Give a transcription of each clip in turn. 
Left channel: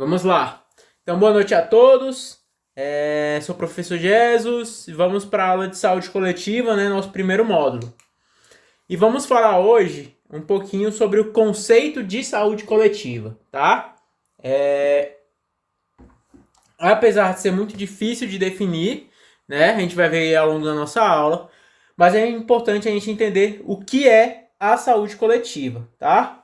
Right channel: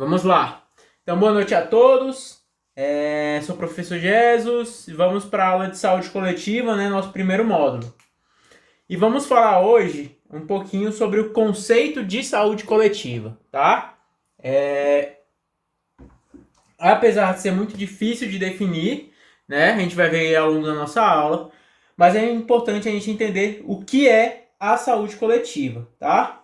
Vamos lá. Então, boa noite a todos. Sou o professor Jesus e vamos para a aula de saúde coletiva, né? Nosso primeiro módulo. E vamos falar hoje um pouquinho sobre o conceito de saúde coletiva, tá? Apesar de ser muito difícil de definir, né? A gente vai ver ao longo da nossa aula, mas é importante a gente entender o que é a saúde coletiva, tá?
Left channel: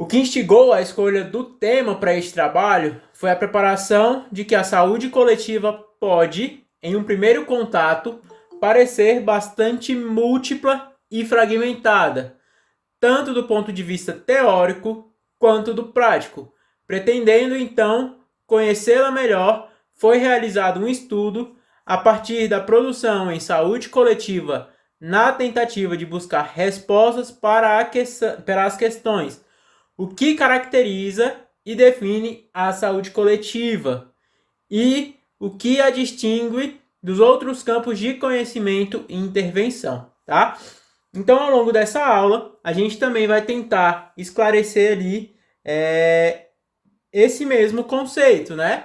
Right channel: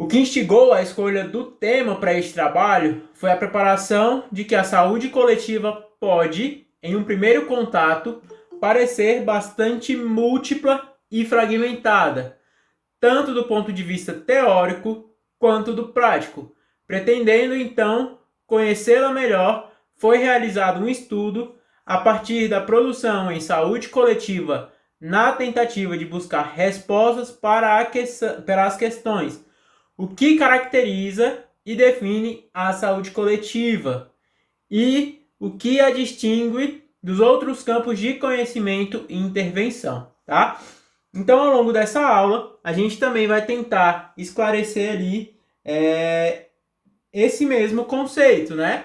O que instigou a escolha do tema para este trabalho foi a preparação de que a saúde coletiva pode, em um primeiro contato, parecer bastante múltipla e fragmentada, tanto do ponto de vista teórico quanto do prático. Pretendendo, então, conhecê-la melhor, foi realizado um estudo a partir da produção em saúde coletiva na tentativa de buscar respostas para as questões: o que caracteriza e define a saúde coletiva e o que a distingue dos outros campos de conhecimento e intervenção, tá? Então, ao longo dessa aula, a gente também vai tentar esclarecer ali esse mesmo conceito, né?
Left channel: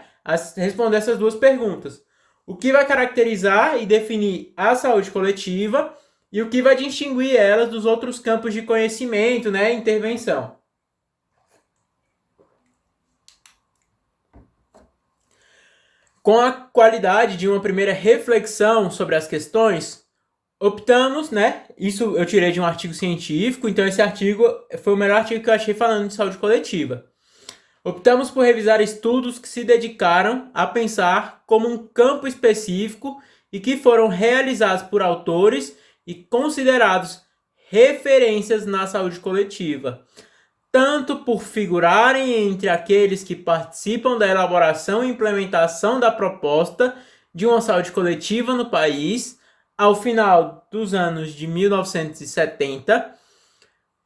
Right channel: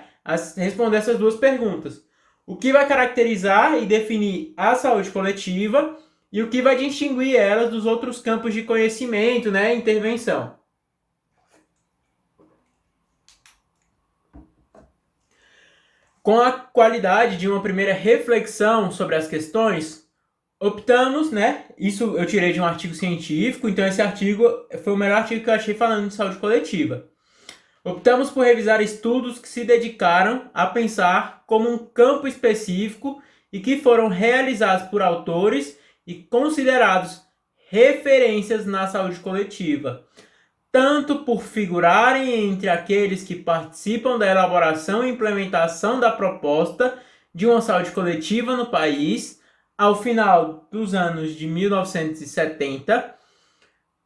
Responder essas duas perguntas. O que vai caracterizar e definir a saúde coletiva e o que vai distinguir ela dos outros campos de conhecimento, né? Intervenção. Com a qualidade de uma primeira reflexão sobre as questões, optamos, né? Isso eu tirei de um artigo científico, então esse artigo foi o melhor artigo que eu achei falando de saúde coletiva. Optamos por revisar estudos que se dedicaram a pensar como um campo específico e que foram realizados por autores e considerados referências na saúde coletiva, tanto por figurarem entre aqueles que participam da elaboração e implementação da proposta de uma saúde coletiva no país ao final dos anos de 1970,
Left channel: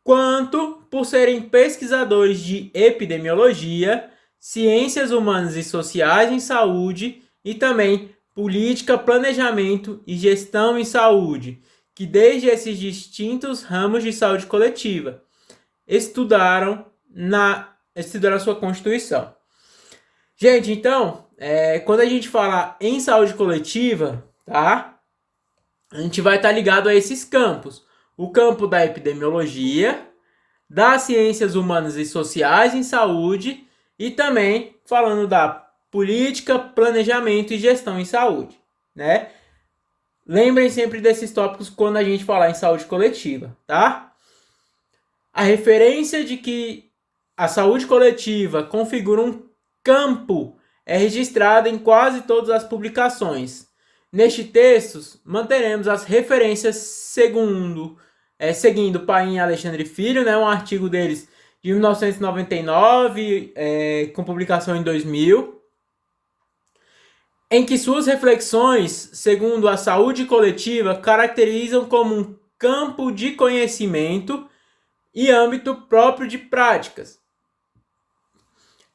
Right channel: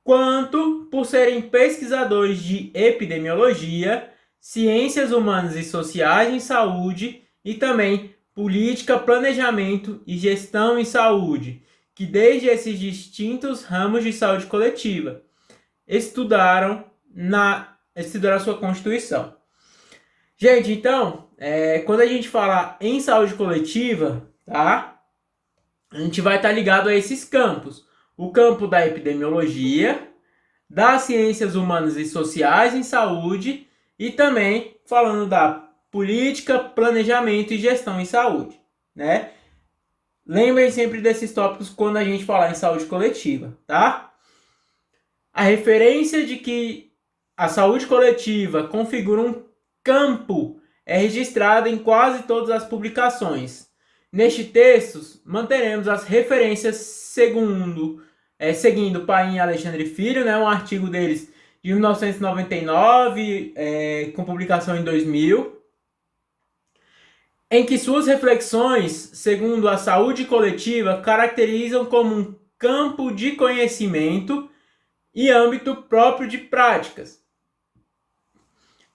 quanto por serem pesquisadores de epidemiologia, ciências humanas e sociais em saúde e também política, planejamento e gestão em saúde, que desde esses distintos ramos de saúde coletiva estudaram a sua Constituição. Gente, então, quando a gente fala em saúde coletiva, tá? A gente vai estar ligado a esses campos. O campo da epidemiologia, das ciências humanas e sociais em saúde e também falando da política, planejamento e gestão em saúde, né? Lembrem sempre desses tópicos quando a gente falar em saúde coletiva, tá? A referência de que a saúde coletiva configura um campo é registrada em quase todas as publicações. Neste texto, manteremos as referências seguindo Paim e Alexandre Filho, né, um artigo deles de 1999, com publicação em 2000, em que suas reflexões, segundo a saúde coletiva, caracterizam como um campo de conhecimento e âmbito próprio de práticas.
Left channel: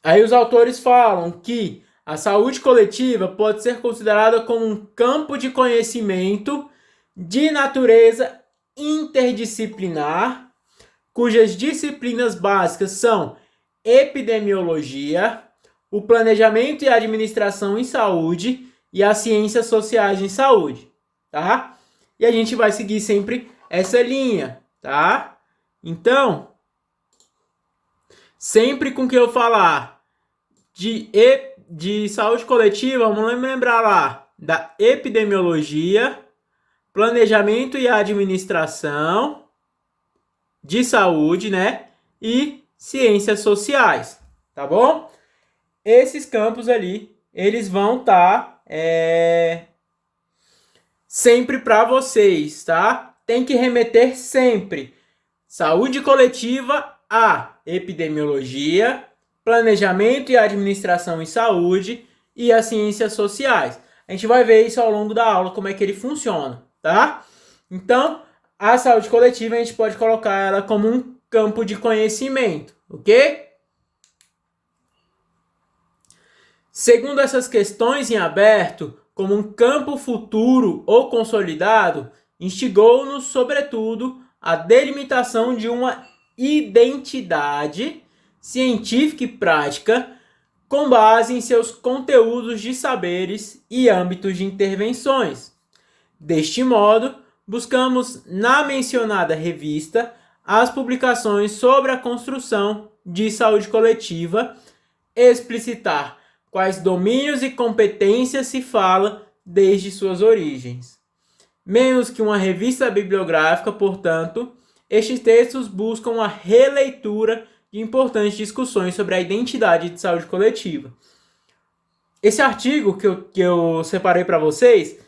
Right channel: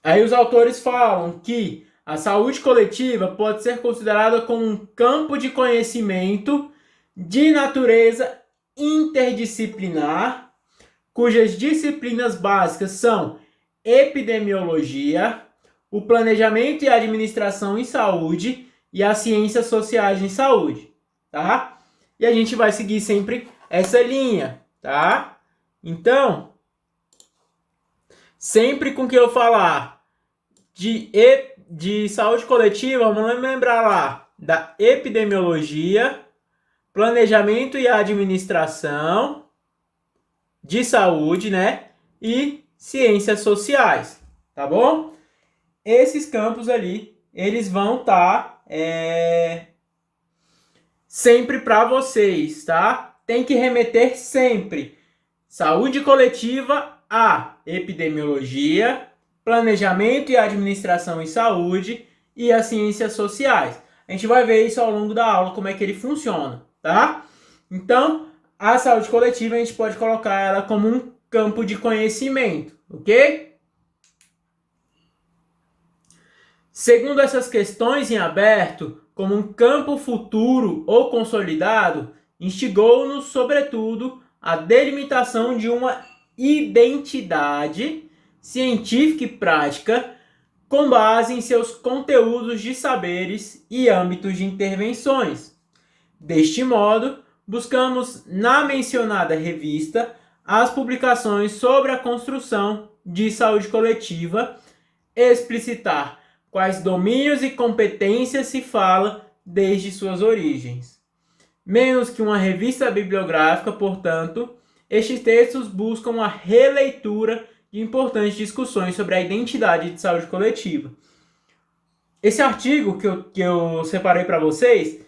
Aí os autores falam que a saúde coletiva pode ser considerada como um campo de conhecimento de natureza interdisciplinar, cujas disciplinas básicas são epidemiologia, o planejamento e a administração em saúde e as ciências sociais em saúde, tá? E a gente vai seguir sempre essa linha, tá? Então, sempre com que eu falar de saúde coletiva, vamos lembrar lá da epidemiologia, planejamento e administração de saúde, né? E ciências sociais, tá bom? Esses campos ali, eles vão estar sempre para vocês, tá? Tem que remeter sempre saúde coletiva a epidemiologia, planejamento e administração em saúde e as ciências sociais. A gente vai ver isso ao longo da aula, como é que ele funciona, tá? Então, a saúde coletiva a gente pode colocar ela como um campo de conhecimento, ok? Segundo essas questões em aberto, como um campo futuro ou consolidado, instigou-nos, sobretudo, a delimitação de uma identidade científica e prática com base em seus conteúdos de saberes e âmbitos de intervenções. Deste modo, buscamos na mencionada revista as publicações sobre a construção de saúde coletiva, explicitar quais domínios e competências se fala desde suas origens. Menos que uma revista bibliográfica, portanto, estes textos buscam a releitura de importantes discussões sobre a identidade de saúde coletiva. Esse artigo que eu separei para vocês,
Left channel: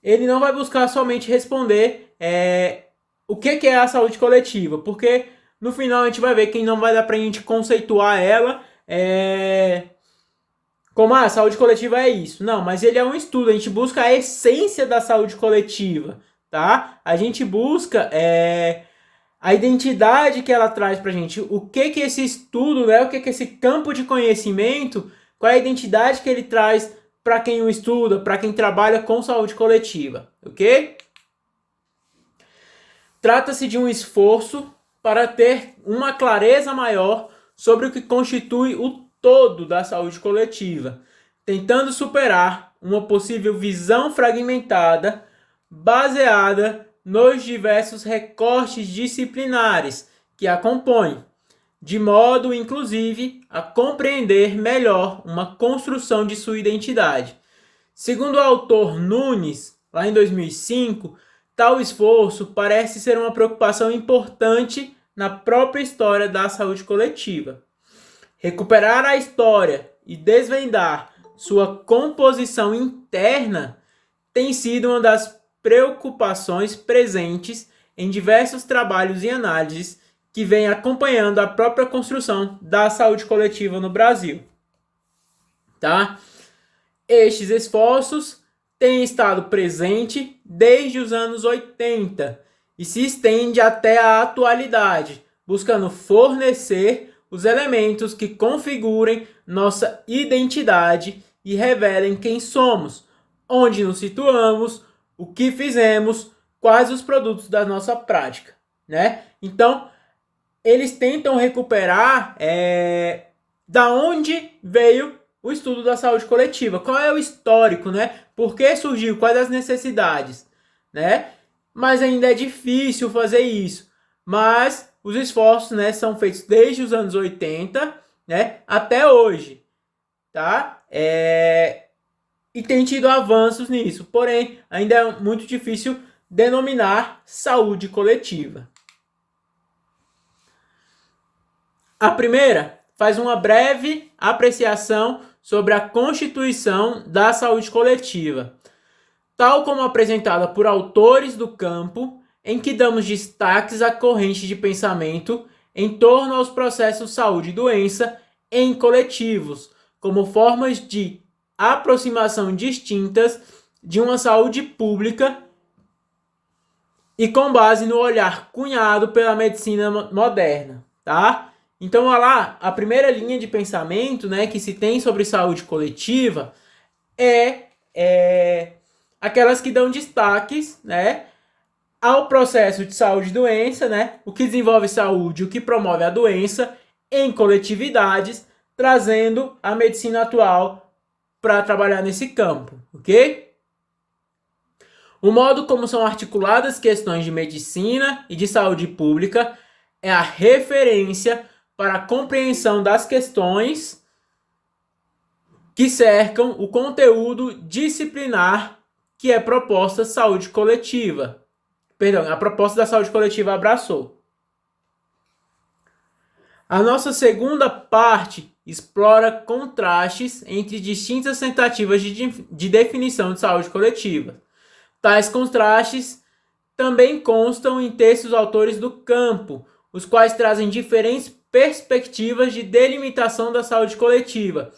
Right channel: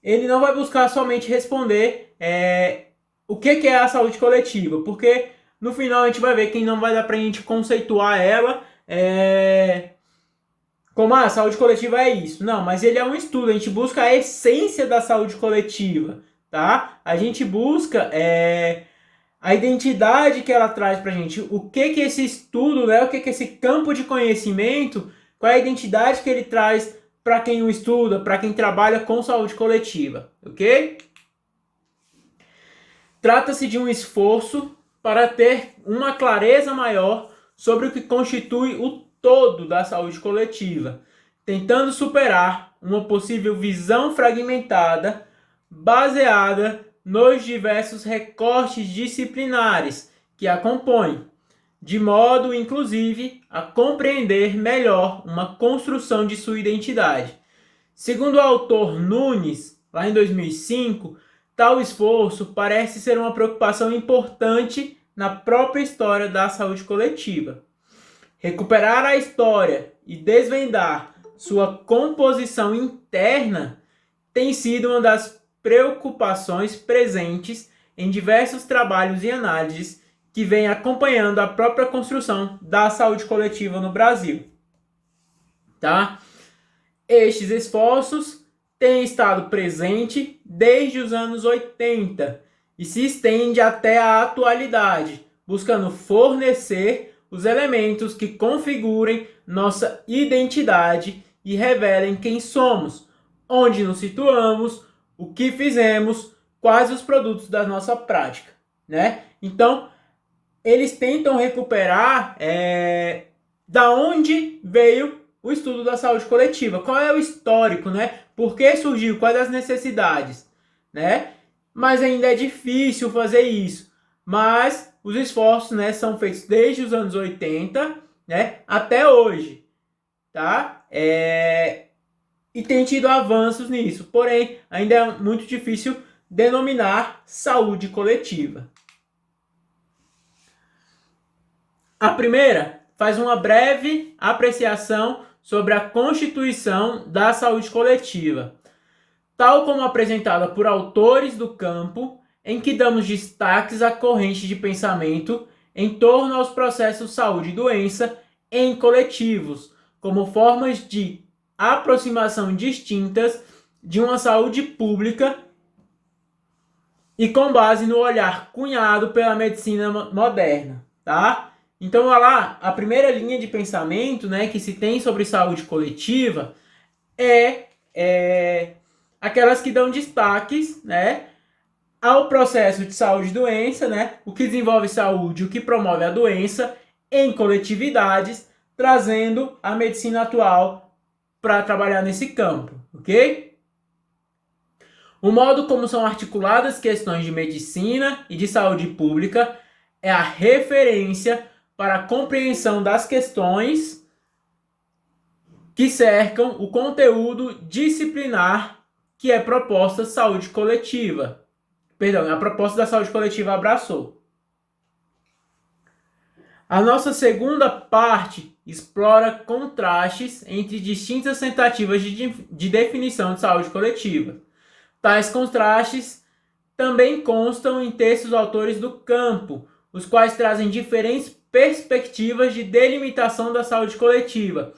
ele não vai buscar somente responder o que é a saúde coletiva, porque no final a gente vai ver que não vai dar para a gente conceituar ela como a saúde coletiva é isso. Não, mas ele é um estudo, a gente busca a essência da saúde coletiva, tá? A gente busca a identidade que ela traz pra gente, o que esse estudo, né? O que esse campo de conhecimento, qual é a identidade que ele traz para quem o estuda, para quem trabalha com saúde coletiva, ok? Trata-se de um esforço para ter uma clareza maior sobre o que constitui o todo da saúde coletiva, tentando superar uma possível visão fragmentada baseada nos diversos recortes disciplinares que a compõem, de modo, inclusive, a compreender melhor uma construção de sua identidade. Segundo o autor Nunes, lá em 2005, tal esforço parece ser uma preocupação importante na própria história da saúde coletiva. Recuperar a história e desvendar sua composição interna tem sido uma das preocupações presentes em diversos trabalhos e análises que vêm acompanhando a própria construção da saúde coletiva no Brasil. Tá? Estes esforços têm estado presentes desde os anos 80 e se estende até a atualidade, buscando fornecer os elementos que configurem nossa identidade e revelem quem somos, onde nos situamos, o que fizemos, quais os produtos da nossa prática, né? Então, eles tentam recuperar da onde veio o estudo da saúde coletiva, qual é o histórico, né? Por que surgiu, quais as necessidades, né? Mas ainda é difícil fazer isso, mas os esforços, né, são feitos desde os anos 80, né, até hoje, tá? E tem tido avanços nisso, porém, ainda é muito difícil denominar saúde coletiva. A primeira faz uma breve apreciação sobre a constituição da saúde coletiva, tal como apresentada por autores do campo, em que damos destaques à corrente de pensamento em torno aos processos saúde e doença em coletivos, como formas de aproximação distintas de uma saúde pública e com base no olhar cunhado pela medicina moderna, tá? Então, olha lá, a primeira linha de pensamento, né, que se tem sobre saúde coletiva é aquelas que dão destaques, né, ao processo de saúde e doença, né, o que desenvolve saúde, o que promove a doença em coletividades, trazendo a medicina atual para trabalhar nesse campo, ok? O modo como são articuladas questões de medicina e de saúde pública é a referência para a compreensão das questões que cercam o conteúdo disciplinar que é proposta saúde coletiva. A proposta da saúde coletiva abraçou. A nossa segunda parte explora contrastes entre distintas tentativas de definição de saúde coletiva. Tais contrastes também constam em textos dos autores do campo, os quais trazem diferentes perspectivas de delimitação da saúde coletiva,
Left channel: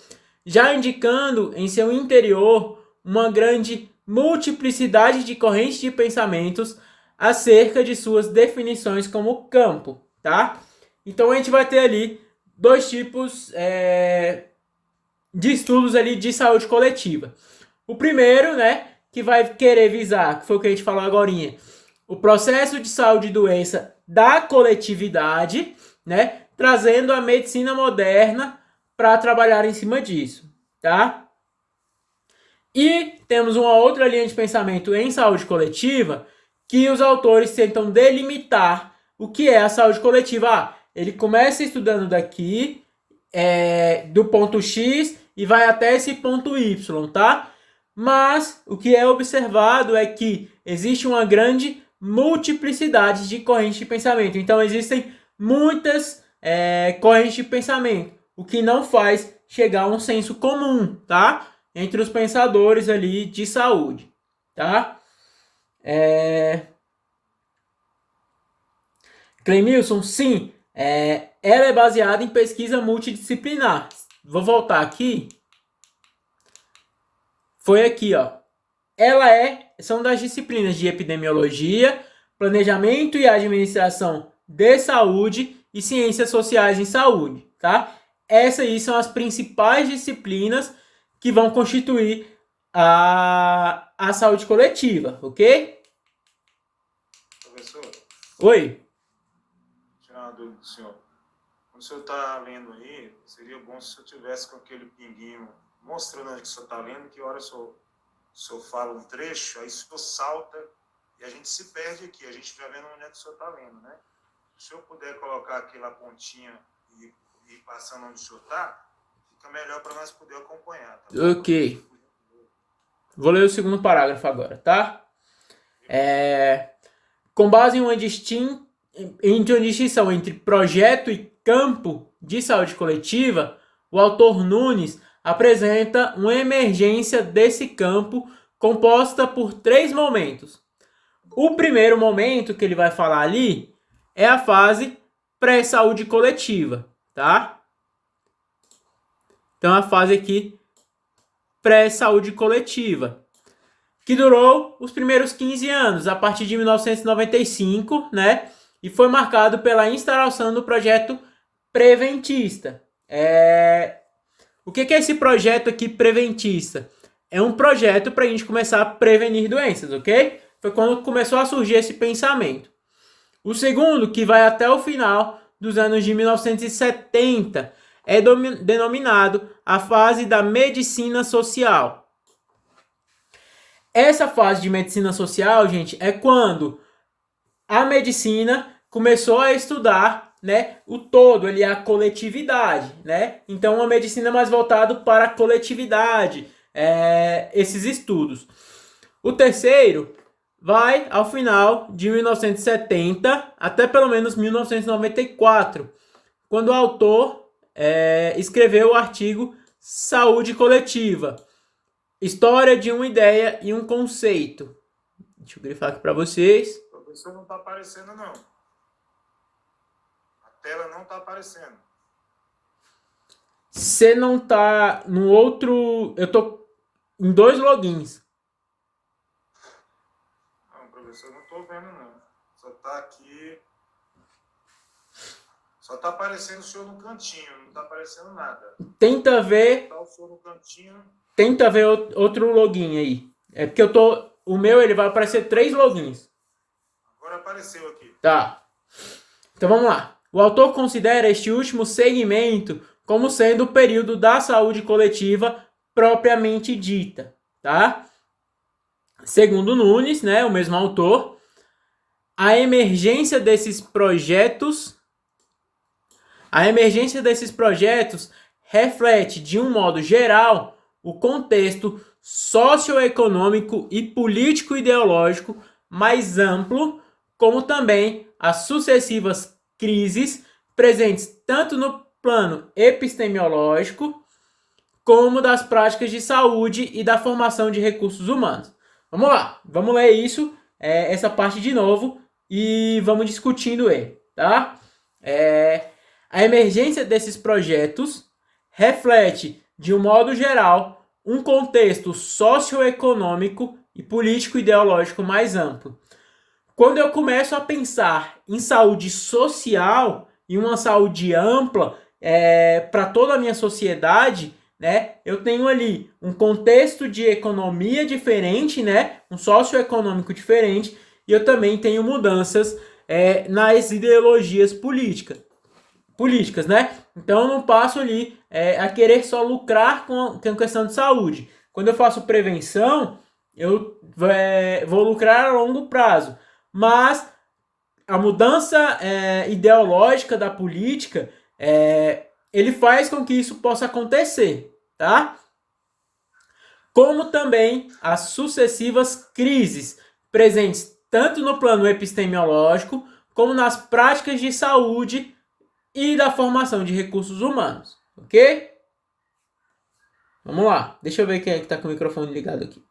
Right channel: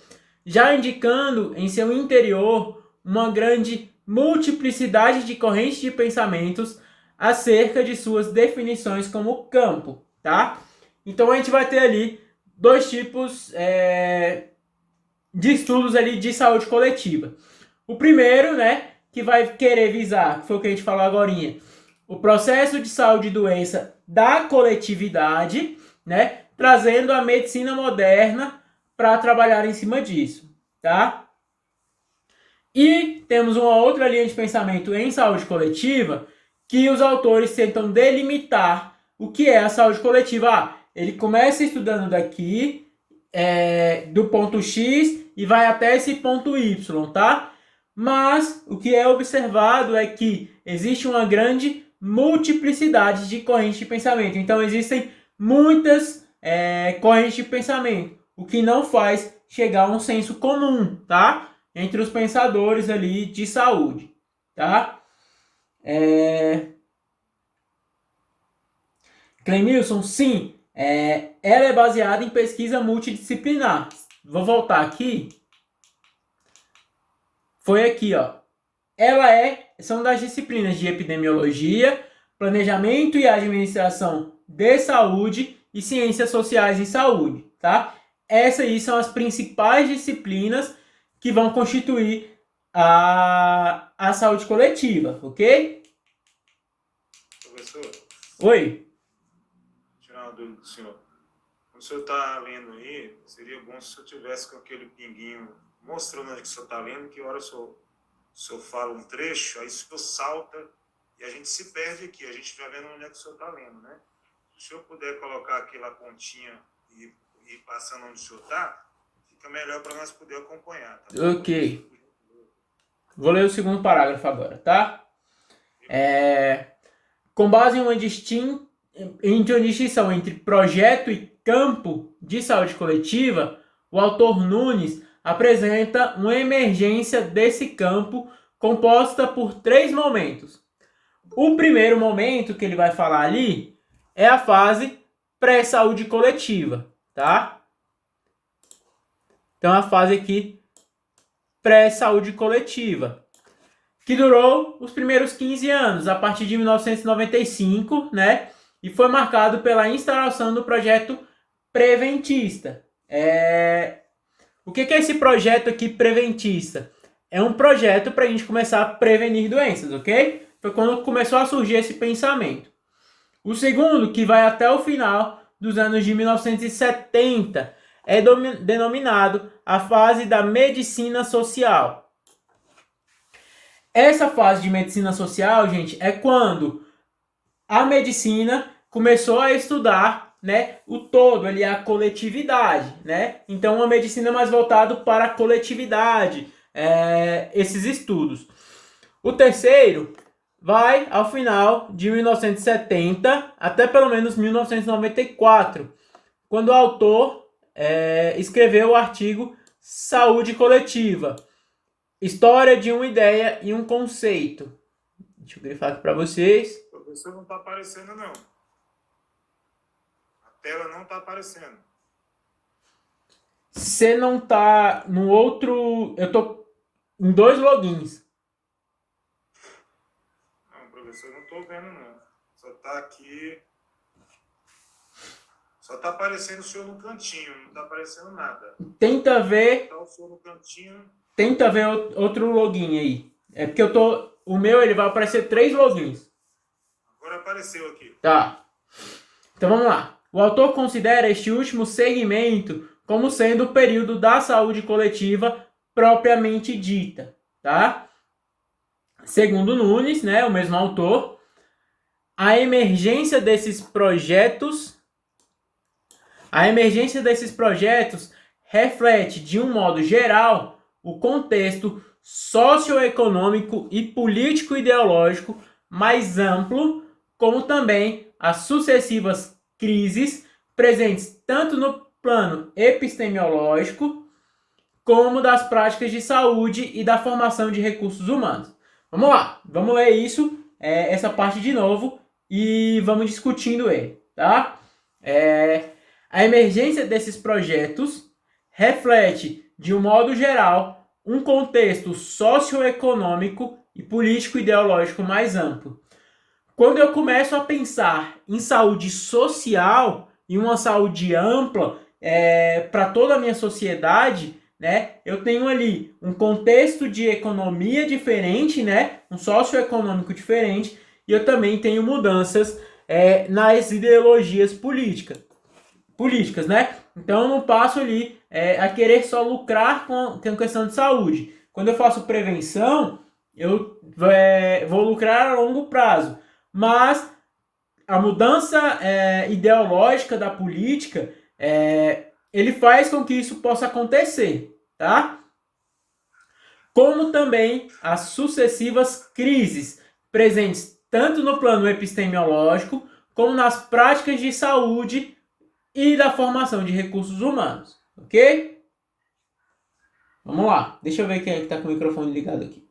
já indicando em seu interior uma grande multiplicidade de correntes de pensamentos acerca de suas definições como campo, tá? Então a gente vai ter ali dois tipos de estudos ali de saúde coletiva. O primeiro, né, que vai querer visar, que foi o que a gente falou agorinha, o processo de saúde e doença da coletividade, né, trazendo a medicina moderna para trabalhar em cima disso, tá? E temos uma outra linha de pensamento em saúde coletiva que os autores tentam delimitar o que é a saúde coletiva. Ele começa estudando daqui, do ponto X e vai até esse ponto Y, tá? Mas o que é observado é que existe uma grande multiplicidade de correntes de pensamento. Então existem muitas correntes de pensamento, o que não faz chegar a um senso comum, tá? Entre os pensadores ali de saúde, tá? Clemilson, sim, ela é baseada em pesquisa multidisciplinar. Vou voltar aqui. Foi aqui, ó. São das disciplinas de epidemiologia, planejamento e administração de saúde e ciências sociais em saúde, tá? Essas aí são as principais disciplinas que vão constituir a saúde coletiva, ok? Professor? Oi? Tirar uma dúvida do senhor. Quando o senhor está lendo aí, seria bom se o senhor tivesse com aquele pinguinho mostrando onde que o senhor está lendo, que hora o senhor fala um trecho, aí o senhor salta e a gente se perde aqui, a gente vai vendo onde é que o senhor está lendo, né? Se o senhor puder colocar aquela pontinha e ir passando onde o senhor está, fica melhor para nós poder acompanhar, tá bom? Ok. Vou ler o segundo parágrafo agora, tá? Com base em uma distinção entre projeto e campo de saúde coletiva, o autor Nunes apresenta uma emergência desse campo composta por 3 momentos. O primeiro momento que ele vai falar ali é a fase pré-saúde coletiva, tá? Então, a fase aqui pré-saúde coletiva, que durou os primeiros 15 anos, a partir de 1995, né? E foi marcado pela instalação do projeto preventista. O que é esse projeto aqui preventista? É um projeto para a gente começar a prevenir doenças, ok? Foi quando começou a surgir esse pensamento. O segundo, que vai até o final dos anos de 1970, é denominado a fase da medicina social. Essa fase de medicina social, gente, é quando a medicina começou a estudar, né, o todo, ali, a coletividade, né? Então, uma medicina mais voltada para a coletividade, esses estudos. O terceiro vai ao final de 1970 até pelo menos 1994, quando o autor escreveu o artigo Saúde Coletiva, História de uma Ideia e um Conceito. Deixa eu grifar aqui para vocês. O professor não está aparecendo, não. A tela não está aparecendo. Você não tá no outro... Eu tô em 2 logins. Não, professor, não estou vendo, não. Só está aqui... Só está aparecendo o senhor no cantinho, não está aparecendo nada. Tenta ver... Tá o senhor no cantinho. Tenta ver outro login aí. É porque eu tô... O meu, ele vai aparecer 3 logins. Agora apareceu aqui. Tá. Então vamos lá. O autor considera este último segmento como sendo o período da saúde coletiva propriamente dita, tá? Segundo Nunes, né, o mesmo autor, a emergência desses projetos reflete, de um modo geral, o contexto socioeconômico e político-ideológico mais amplo, como também as sucessivas crises presentes tanto no plano epistemológico como das práticas de saúde e da formação de recursos humanos. Vamos lá, vamos ler isso, essa parte de novo e vamos discutindo ele, tá? A emergência desses projetos reflete, de um modo geral, um contexto socioeconômico e político-ideológico mais amplo. Quando eu começo a pensar em saúde social e uma saúde ampla para toda a minha sociedade, né, eu tenho ali um contexto de economia diferente, né, um socioeconômico diferente, e eu também tenho mudanças nas ideologias políticas. políticas, né? Então eu não passo ali a querer só lucrar com questão de saúde. Quando eu faço prevenção, eu vou lucrar a longo prazo. Mas a mudança ideológica da política, ele faz com que isso possa acontecer, tá? Como também as sucessivas crises presentes tanto no plano epistemológico como nas práticas de saúde e da formação de recursos humanos, ok? Vamos lá, deixa eu ver quem é que está com o microfone ligado aqui.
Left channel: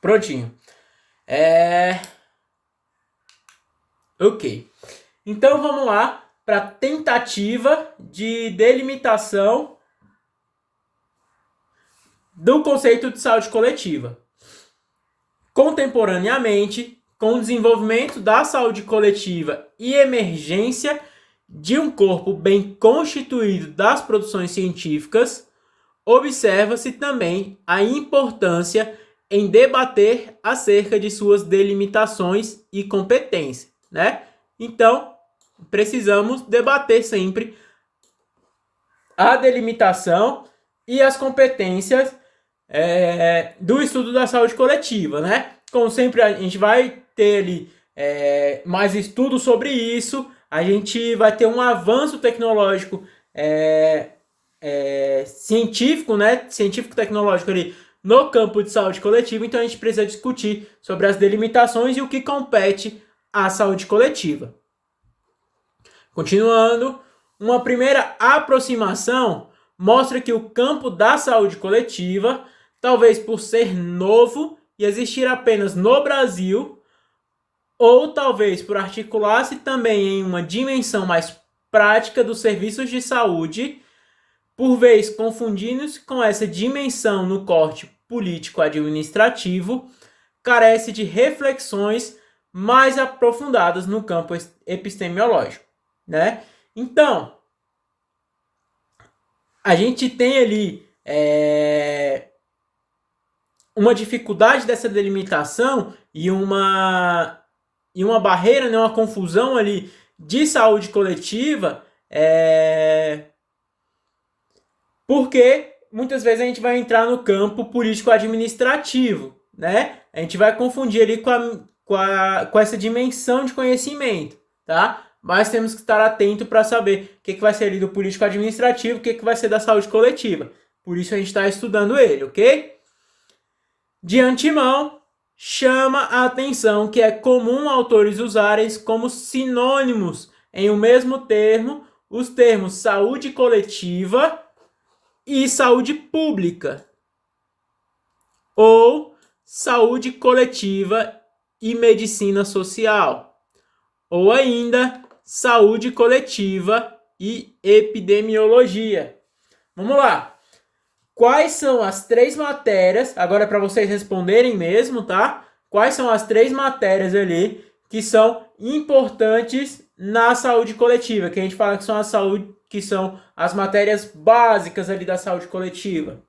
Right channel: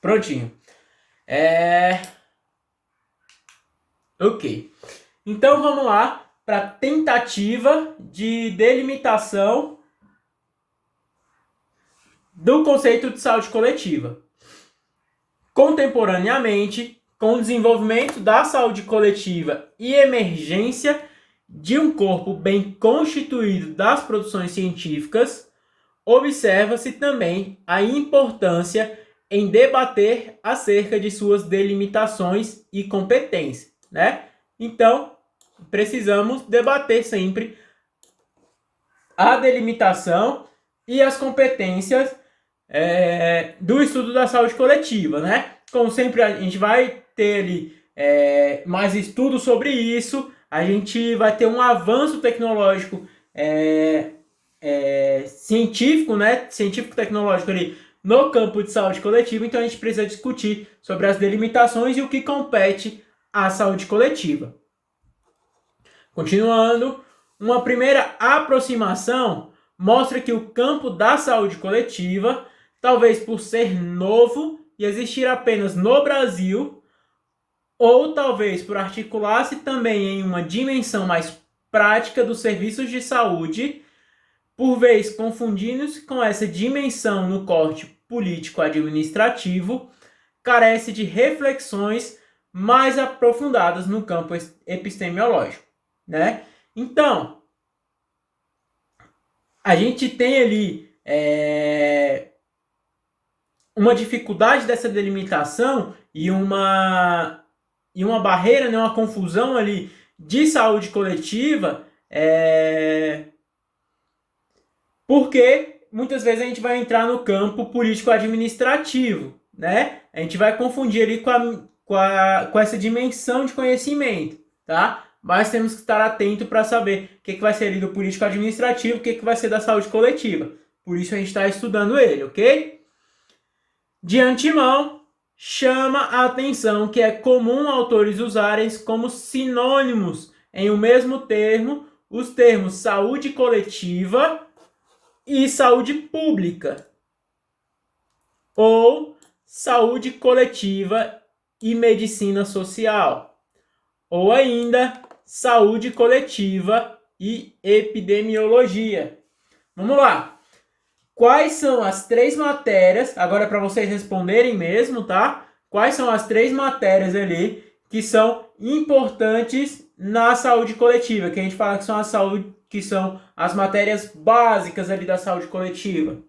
Prontinho. Ok. Então vamos lá para a tentativa de delimitação do conceito de saúde coletiva. Contemporaneamente, com o desenvolvimento da saúde coletiva e emergência de um corpo bem constituído das produções científicas, observa-se também a importância em debater acerca de suas delimitações e competência, né? Então, precisamos debater sempre a delimitação e as competências do estudo da saúde coletiva, né? Como sempre, a gente vai ter ali mais estudo sobre isso, a gente vai ter um avanço tecnológico científico, né? Científico-tecnológico ali no campo de saúde coletiva, então a gente precisa discutir sobre as delimitações e o que compete à saúde coletiva. Continuando, uma primeira aproximação mostra que o campo da saúde coletiva, talvez por ser novo e existir apenas no Brasil, ou talvez por articular-se também em uma dimensão mais prática dos serviços de saúde, por vez confundindo-se com essa dimensão no corte político-administrativo, carece de reflexões mais aprofundadas no campo epistemológico, né? Então, a gente tem ali uma dificuldade dessa delimitação e uma barreira, né, uma confusão ali de saúde coletiva, porque muitas vezes a gente vai entrar no campo político-administrativo, né? A gente vai confundir ali com essa dimensão de conhecimento, tá? Mas temos que estar atento para saber o que vai ser ali do político-administrativo, o que vai ser da saúde coletiva. Por isso a gente está estudando ele, ok? De antemão, chama a atenção que é comum autores usarem como sinônimos em um mesmo termo os termos saúde coletiva e saúde pública, ou saúde coletiva e medicina social, ou ainda saúde coletiva e epidemiologia. Vamos lá. Quais são as 3 matérias, agora para vocês responderem mesmo, tá? Quais são as 3 matérias ali que são importantes na saúde coletiva, que a gente fala que são que são as matérias básicas ali da saúde coletiva?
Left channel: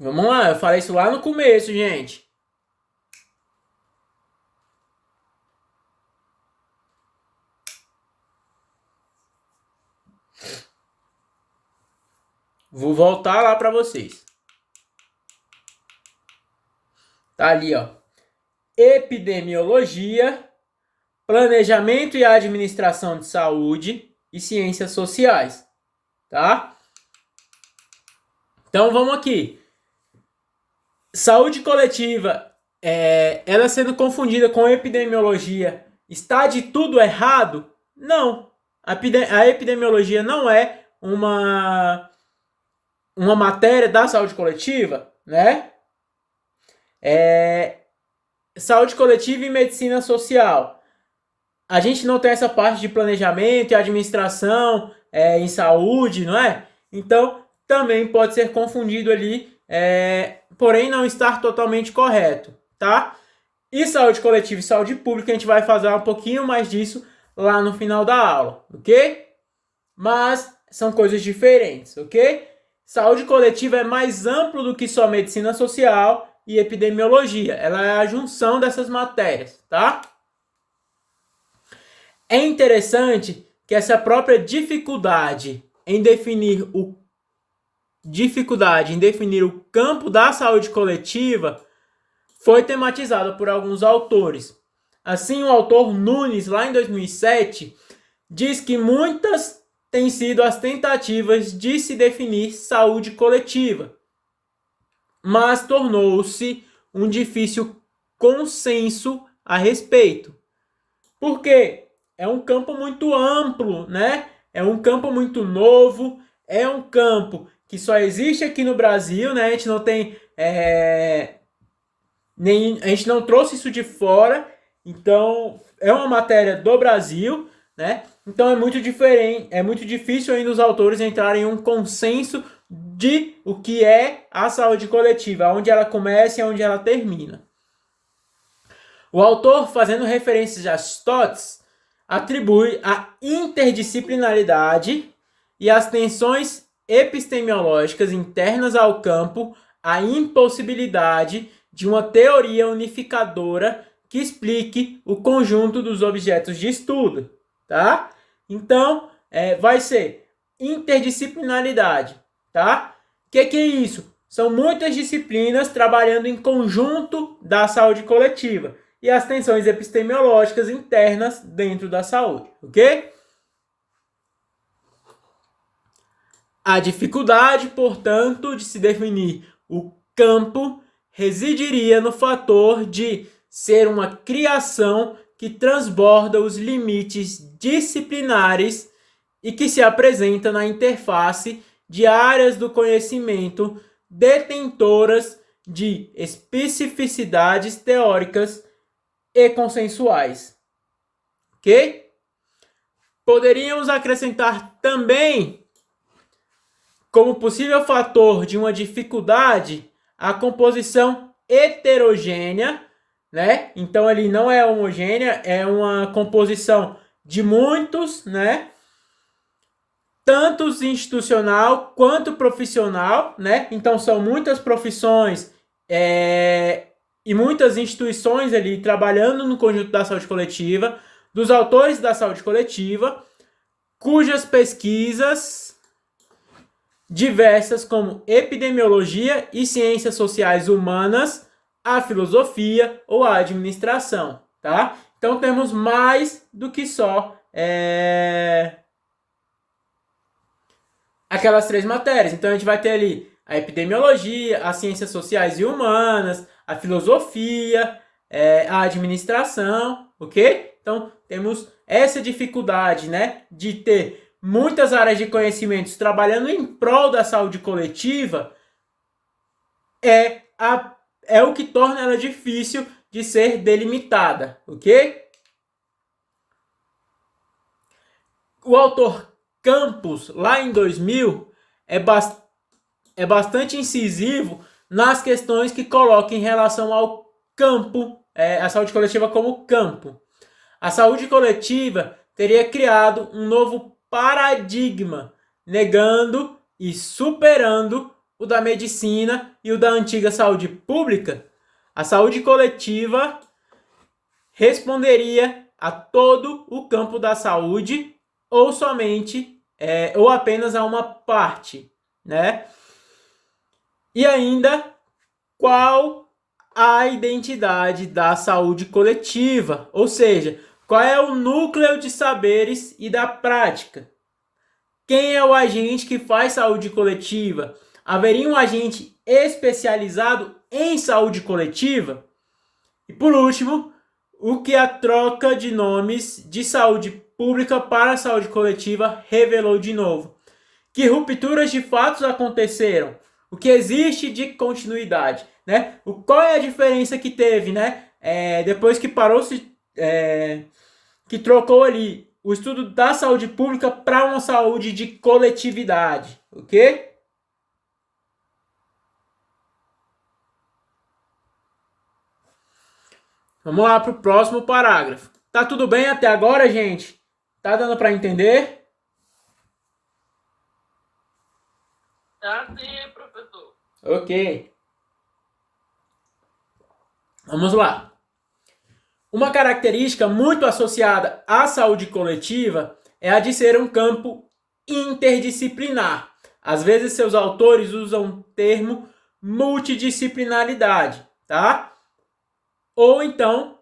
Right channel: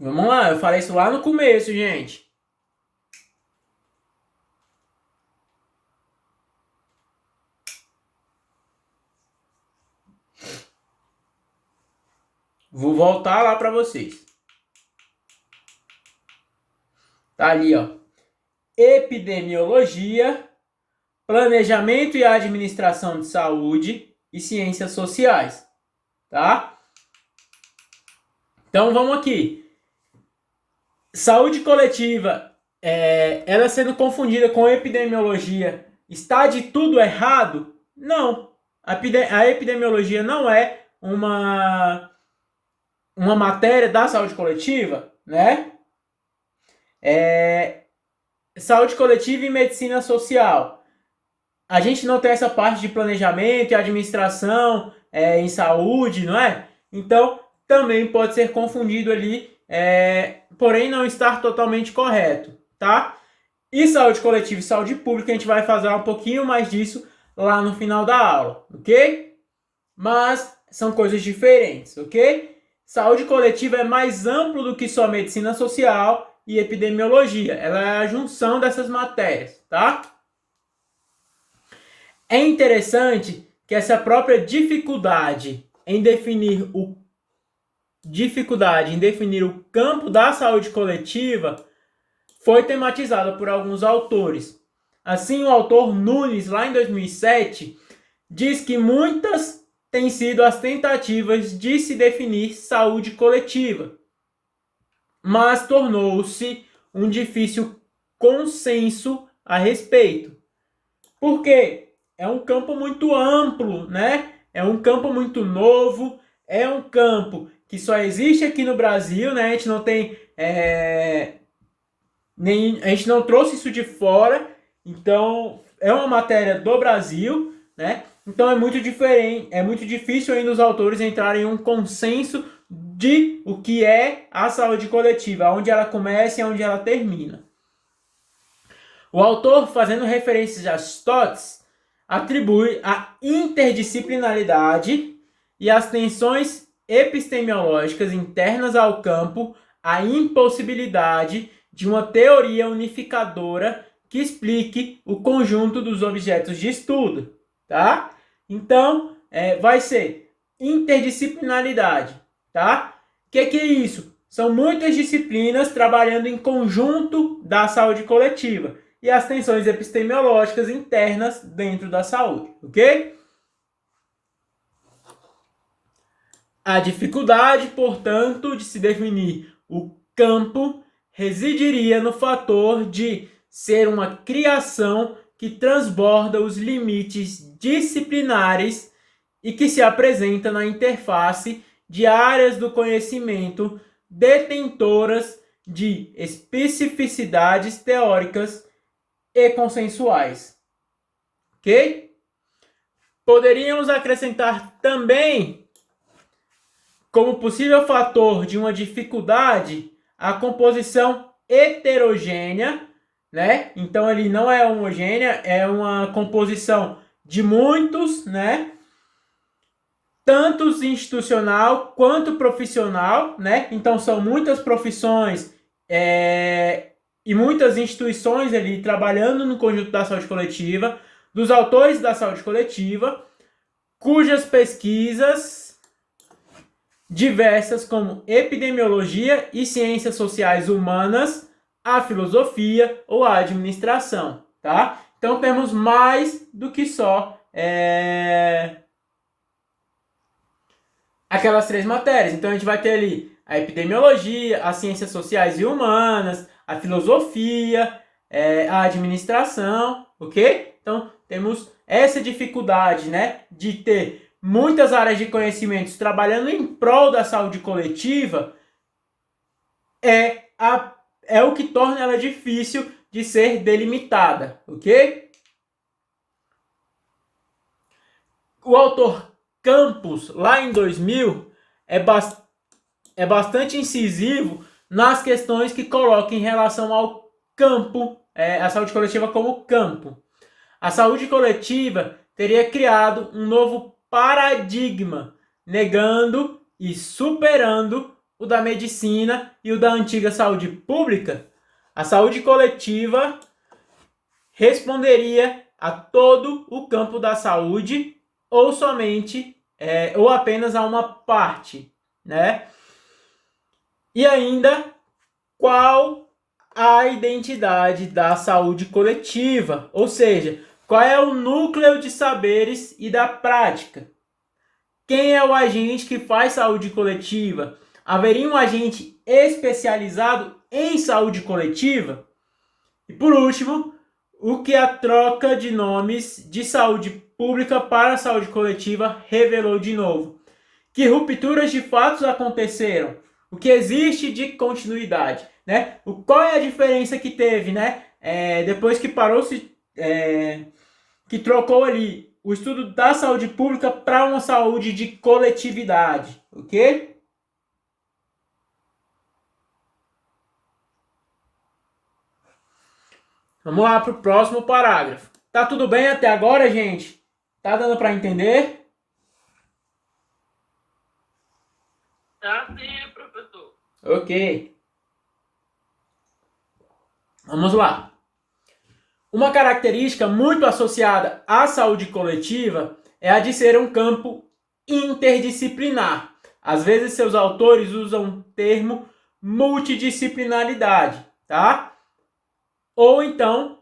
Vamos lá, eu falei isso lá no começo, gente. Vou voltar lá para vocês. Tá ali, ó. Epidemiologia, planejamento e administração de saúde e ciências sociais, tá? Então vamos aqui. Saúde coletiva, ela sendo confundida com epidemiologia, está de tudo errado? Não. A epidemiologia não é uma matéria da saúde coletiva, né? Saúde coletiva e medicina social. A gente não tem essa parte de planejamento e administração em saúde, não é? Então, também pode ser confundido ali, porém não estar totalmente correto, tá? E saúde coletiva e saúde pública, a gente vai fazer um pouquinho mais disso lá no final da aula, ok? Mas são coisas diferentes, ok? Saúde coletiva é mais amplo do que só medicina social e epidemiologia. Ela é a junção dessas matérias, tá? É interessante que essa própria dificuldade em definir o campo da saúde coletiva foi tematizada por alguns autores. Assim, o autor Nunes, lá em 2007, diz que muitas têm sido as tentativas de se definir saúde coletiva, mas tornou-se um difícil consenso a respeito. Por quê? É um campo muito amplo, né? É um campo muito novo, é um campo que só existe aqui no Brasil, né? A gente não tem... a gente não trouxe isso de fora, então é uma matéria do Brasil, né? Então é muito diferente, é muito difícil ainda os autores entrarem em um consenso de o que é a saúde coletiva, onde ela começa e onde ela termina. O autor, fazendo referências a Stotts, atribui a interdisciplinaridade e as tensões epistemológicas internas ao campo a impossibilidade de uma teoria unificadora que explique o conjunto dos objetos de estudo, tá? Então, vai ser interdisciplinaridade, tá? O que é isso? São muitas disciplinas trabalhando em conjunto da saúde coletiva e as tensões epistemológicas internas dentro da saúde, ok? A dificuldade, portanto, de se definir o campo residiria no fator de ser uma criação que transborda os limites disciplinares e que se apresenta na interface de áreas do conhecimento detentoras de especificidades teóricas e consensuais. Ok? Poderíamos acrescentar também, como possível fator de uma dificuldade, a composição heterogênea, né? Então ele não é homogênea, é uma composição de muitos, né? Tanto institucional quanto profissional, né? Então são muitas profissões e muitas instituições ali trabalhando no conjunto da saúde coletiva, dos autores da saúde coletiva, cujas pesquisas diversas como epidemiologia e ciências sociais humanas, a filosofia ou a administração, tá? Então temos mais do que só aquelas 3 matérias. Então a gente vai ter ali a epidemiologia, as ciências sociais e humanas, a filosofia, a administração, ok? Então temos essa dificuldade, né, de ter muitas áreas de conhecimentos trabalhando em prol da saúde coletiva, é o que torna ela difícil de ser delimitada, ok? O autor Campos, lá em 2000, é bastante incisivo nas questões que coloca em relação ao campo, a saúde coletiva como campo. A saúde coletiva teria criado um novo paradigma, negando e superando o da medicina e o da antiga saúde pública. A saúde coletiva responderia a todo o campo da saúde ou somente, ou apenas a uma parte, né? E ainda, qual a identidade da saúde coletiva? Ou seja, qual é o núcleo de saberes e da prática? Quem é o agente que faz saúde coletiva? Haveria um agente especializado em saúde coletiva? E por último, o que a troca de nomes de saúde pública para a saúde coletiva revelou de novo? Que rupturas de fatos aconteceram? O que existe de continuidade, né? Qual é a diferença que teve, né? Depois que parou-se, que trocou ali o estudo da saúde pública para uma saúde de coletividade, ok? Vamos lá para o próximo parágrafo. Tá tudo bem até agora, gente? Tá dando para entender? Tá sim, professor. Ok. Vamos lá. Uma característica muito associada à saúde coletiva é a de ser um campo interdisciplinar. Às vezes seus autores usam o termo multidisciplinaridade, tá? Ou então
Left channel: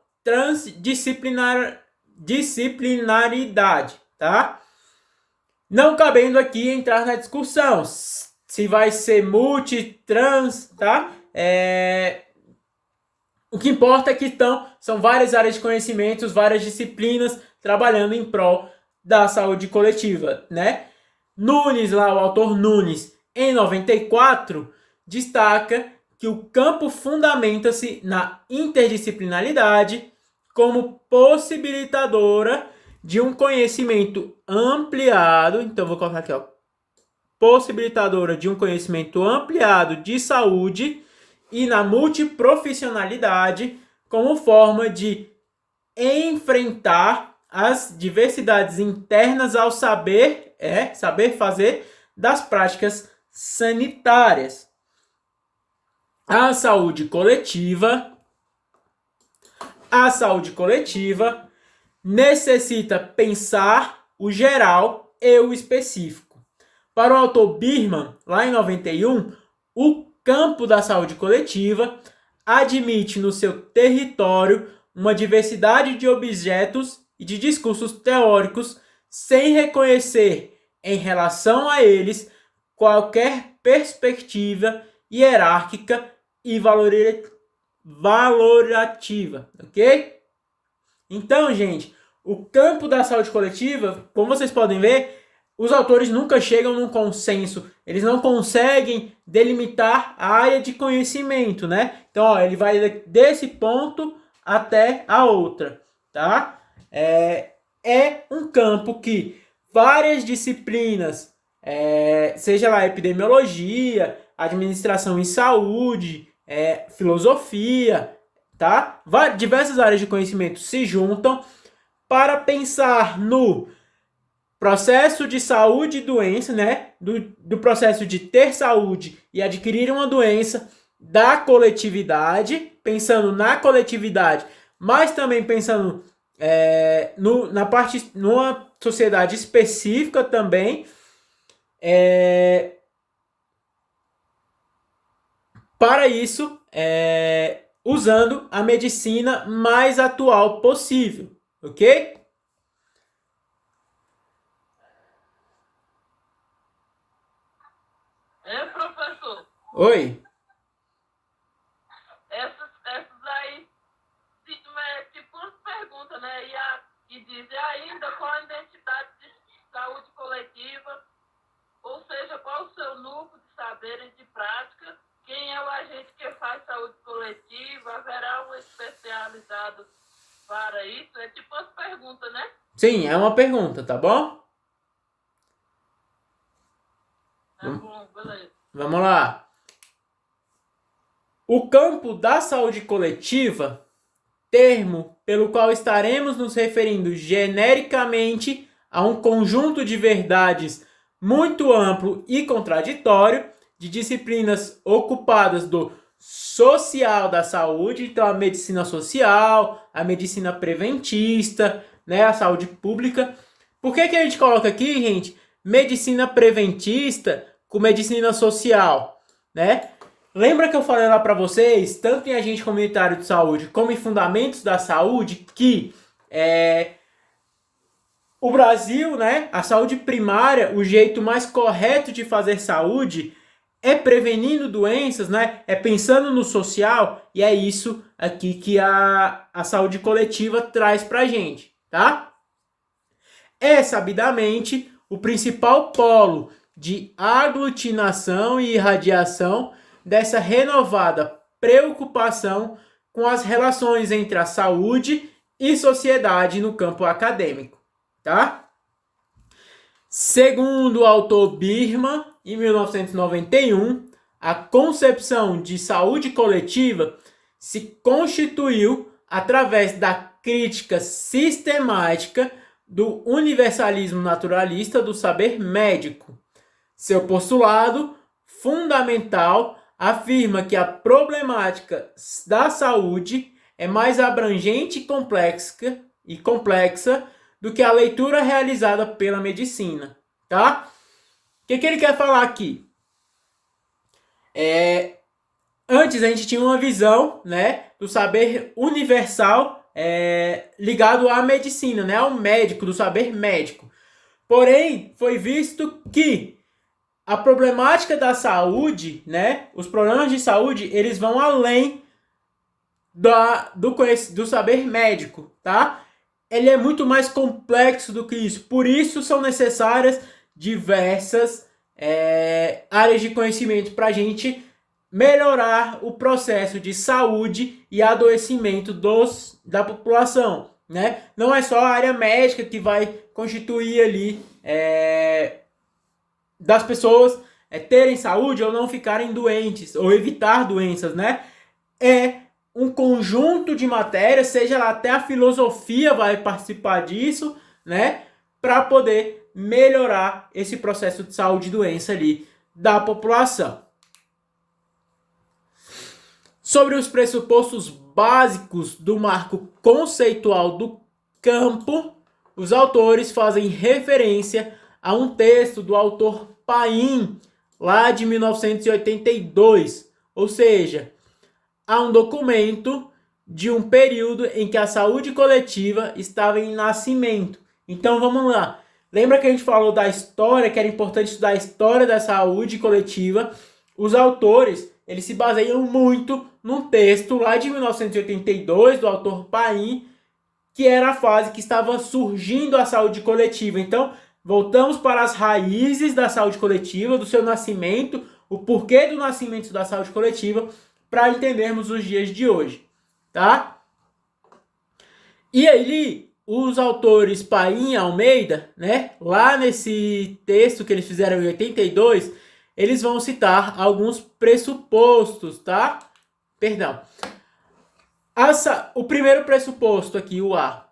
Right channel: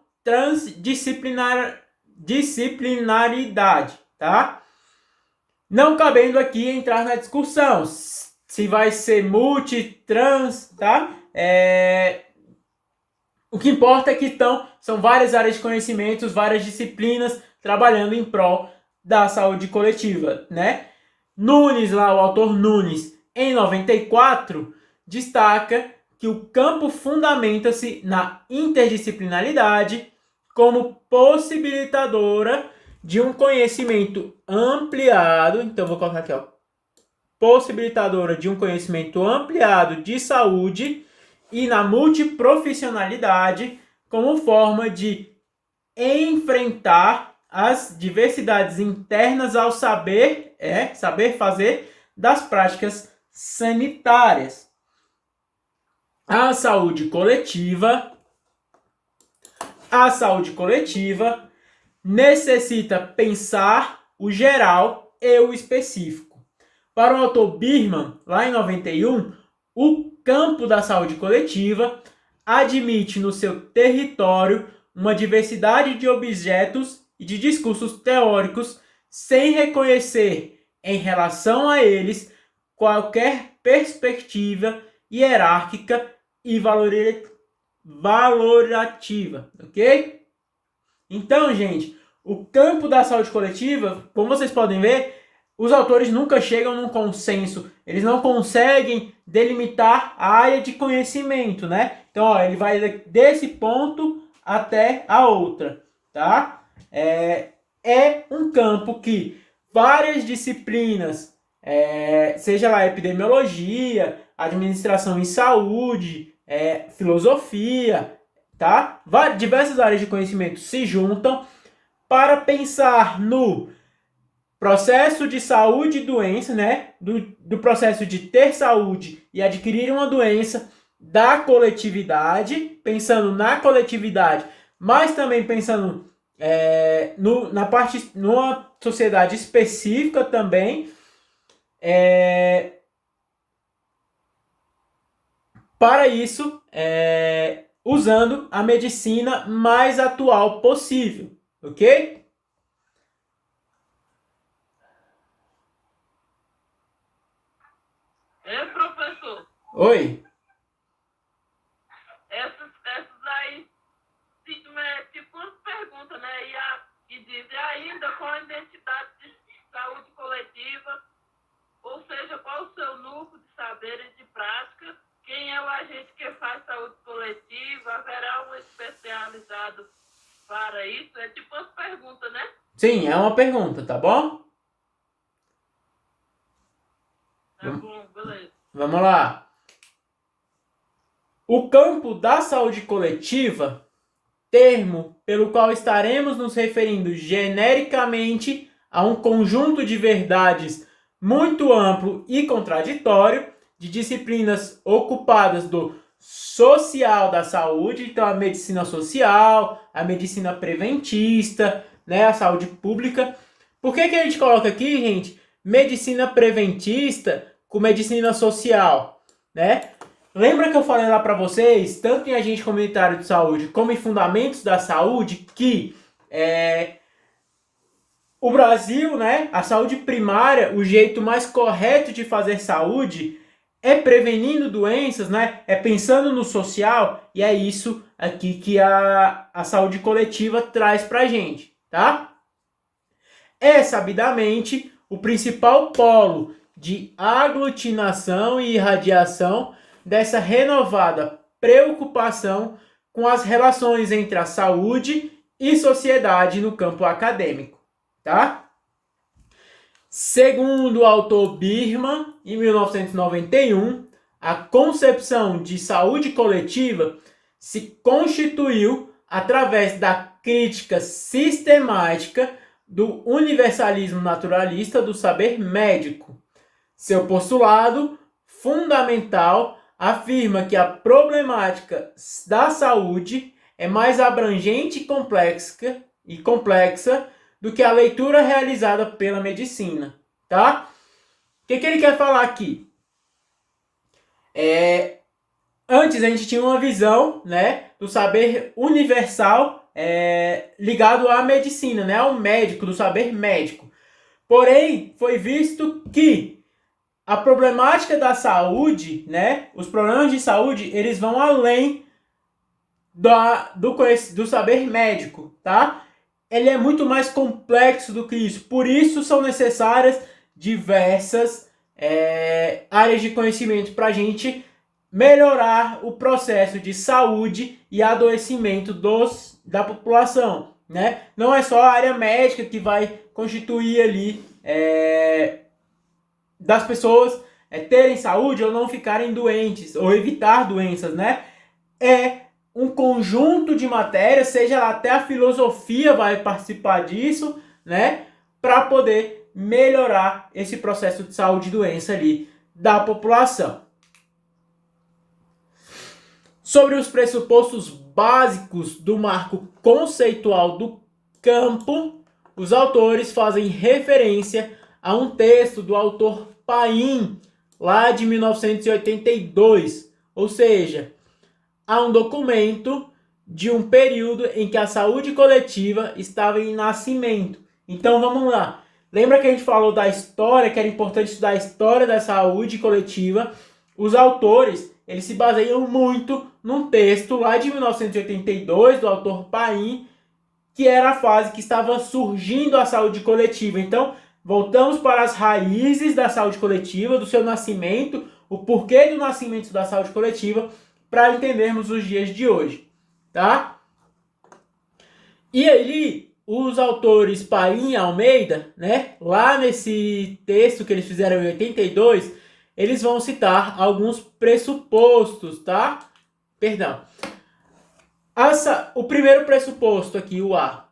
disciplinaridade, tá? Não cabendo aqui entrar na discussão se vai ser multitrans, tá? O que importa é que são várias áreas de conhecimentos, várias disciplinas trabalhando em prol da saúde coletiva, né? Nunes, lá o autor Nunes, em 94, destaca que o campo fundamenta-se na interdisciplinaridade como possibilitadora de um conhecimento ampliado. Então, vou colocar aqui, ó. Possibilitadora de um conhecimento ampliado de saúde e na multiprofissionalidade como forma de enfrentar as diversidades internas ao saber fazer das práticas sanitárias. A saúde coletiva necessita pensar o geral e o específico. Para o autor Birman, lá em 91, o campo da saúde coletiva admite no seu território uma diversidade de objetos e de discursos teóricos sem reconhecer em relação a eles qualquer perspectiva hierárquica e valorativa, ok? Então, gente, o campo da saúde coletiva, como vocês podem ver, os autores nunca chegam num consenso, eles não conseguem delimitar a área de conhecimento, né? Então, ó, ele vai desse ponto até a outra, tá? É um campo que várias disciplinas, seja lá epidemiologia, administração em saúde, filosofia, tá? Diversas áreas de conhecimento se juntam para pensar no processo de saúde e doença, né? Do processo de ter saúde e adquirir uma doença, da coletividade, pensando na coletividade, mas também pensando numa sociedade específica também, para isso, usando a medicina mais atual possível, ok? Professor. Oi. Essas aí, tipo umas perguntas, né? E dizem ainda qual a identidade de saúde coletiva, ou seja, qual o seu núcleo de saberes de prática, quem é o agente que faz saúde coletiva, haverá um especializado para isso? É tipo umas perguntas, né? Sim, é uma pergunta, tá bom? Tá bom, beleza. Vamos lá. O campo da saúde coletiva, termo pelo qual estaremos nos referindo genericamente a um conjunto de verdades muito amplo e contraditório de disciplinas ocupadas do social da saúde, então a medicina social, a medicina preventista, né, a saúde pública. Por que a gente coloca aqui, gente, medicina preventista com medicina social, né? Lembra que eu falei lá para vocês, tanto em agente comunitário de saúde como em fundamentos da saúde, que o Brasil, né, a saúde primária, o jeito mais correto de fazer saúde é prevenindo doenças, né? É pensando no social, e é isso aqui que a saúde coletiva traz pra gente, tá? É sabidamente o principal polo de aglutinação e irradiação dessa renovada preocupação com as relações entre a saúde e sociedade no campo acadêmico, tá? Segundo o autor Birman, em 1991, a concepção de saúde coletiva se constituiu através da crítica sistemática do universalismo naturalista do saber médico. Seu postulado fundamental afirma que a problemática da saúde é mais abrangente e complexa do que a leitura realizada pela medicina, tá? O que ele quer falar aqui? Antes a gente tinha uma visão, né, do saber universal ligado à medicina, né, ao médico, do saber médico. Porém, foi visto que a problemática da saúde, né, os problemas de saúde, eles vão além do saber médico, tá? Ele é muito mais complexo do que isso. Por isso são necessárias diversas áreas de conhecimento para a gente melhorar o processo de saúde e adoecimento da população, né? Não é só a área médica que vai constituir ali das pessoas terem saúde ou não ficarem doentes, ou evitar doenças, né? É um conjunto de matérias, seja lá até a filosofia vai participar disso, né? Para poder melhorar esse processo de saúde e doença ali da população. Sobre os pressupostos básicos do marco conceitual do campo, os autores fazem referência a um texto do autor Paim, lá de 1982, ou seja, a um documento de um período em que a saúde coletiva estava em nascimento. Então vamos lá. Lembra que a gente falou da história, que era importante estudar a história da saúde coletiva? Os autores, eles se baseiam muito num texto lá de 1982, do autor Paim, que era a fase que estava surgindo a saúde coletiva. Então, voltamos para as raízes da saúde coletiva, do seu nascimento, o porquê do nascimento da saúde coletiva, para entendermos os dias de hoje, tá? E aí, os autores Paim e Almeida, né, lá nesse texto que eles fizeram em 82, eles vão citar alguns pressupostos, tá? Perdão. O primeiro pressuposto aqui, o A.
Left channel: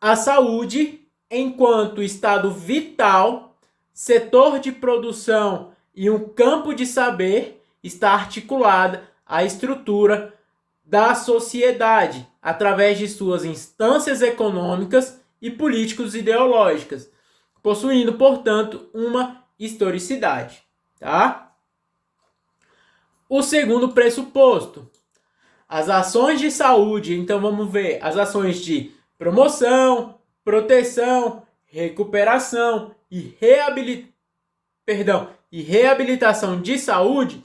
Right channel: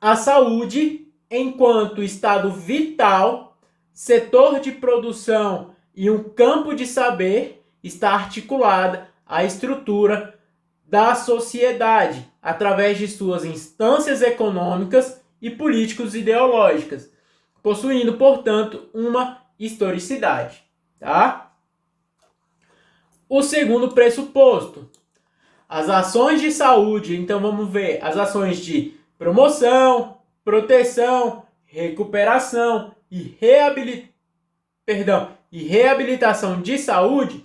A saúde, enquanto estado vital, setor de produção e um campo de saber, está articulada à estrutura da sociedade, através de suas instâncias econômicas e políticos ideológicas, possuindo, portanto, uma historicidade. Tá? O segundo pressuposto, as ações de saúde, então vamos ver as ações de promoção, proteção, recuperação e reabilitação de saúde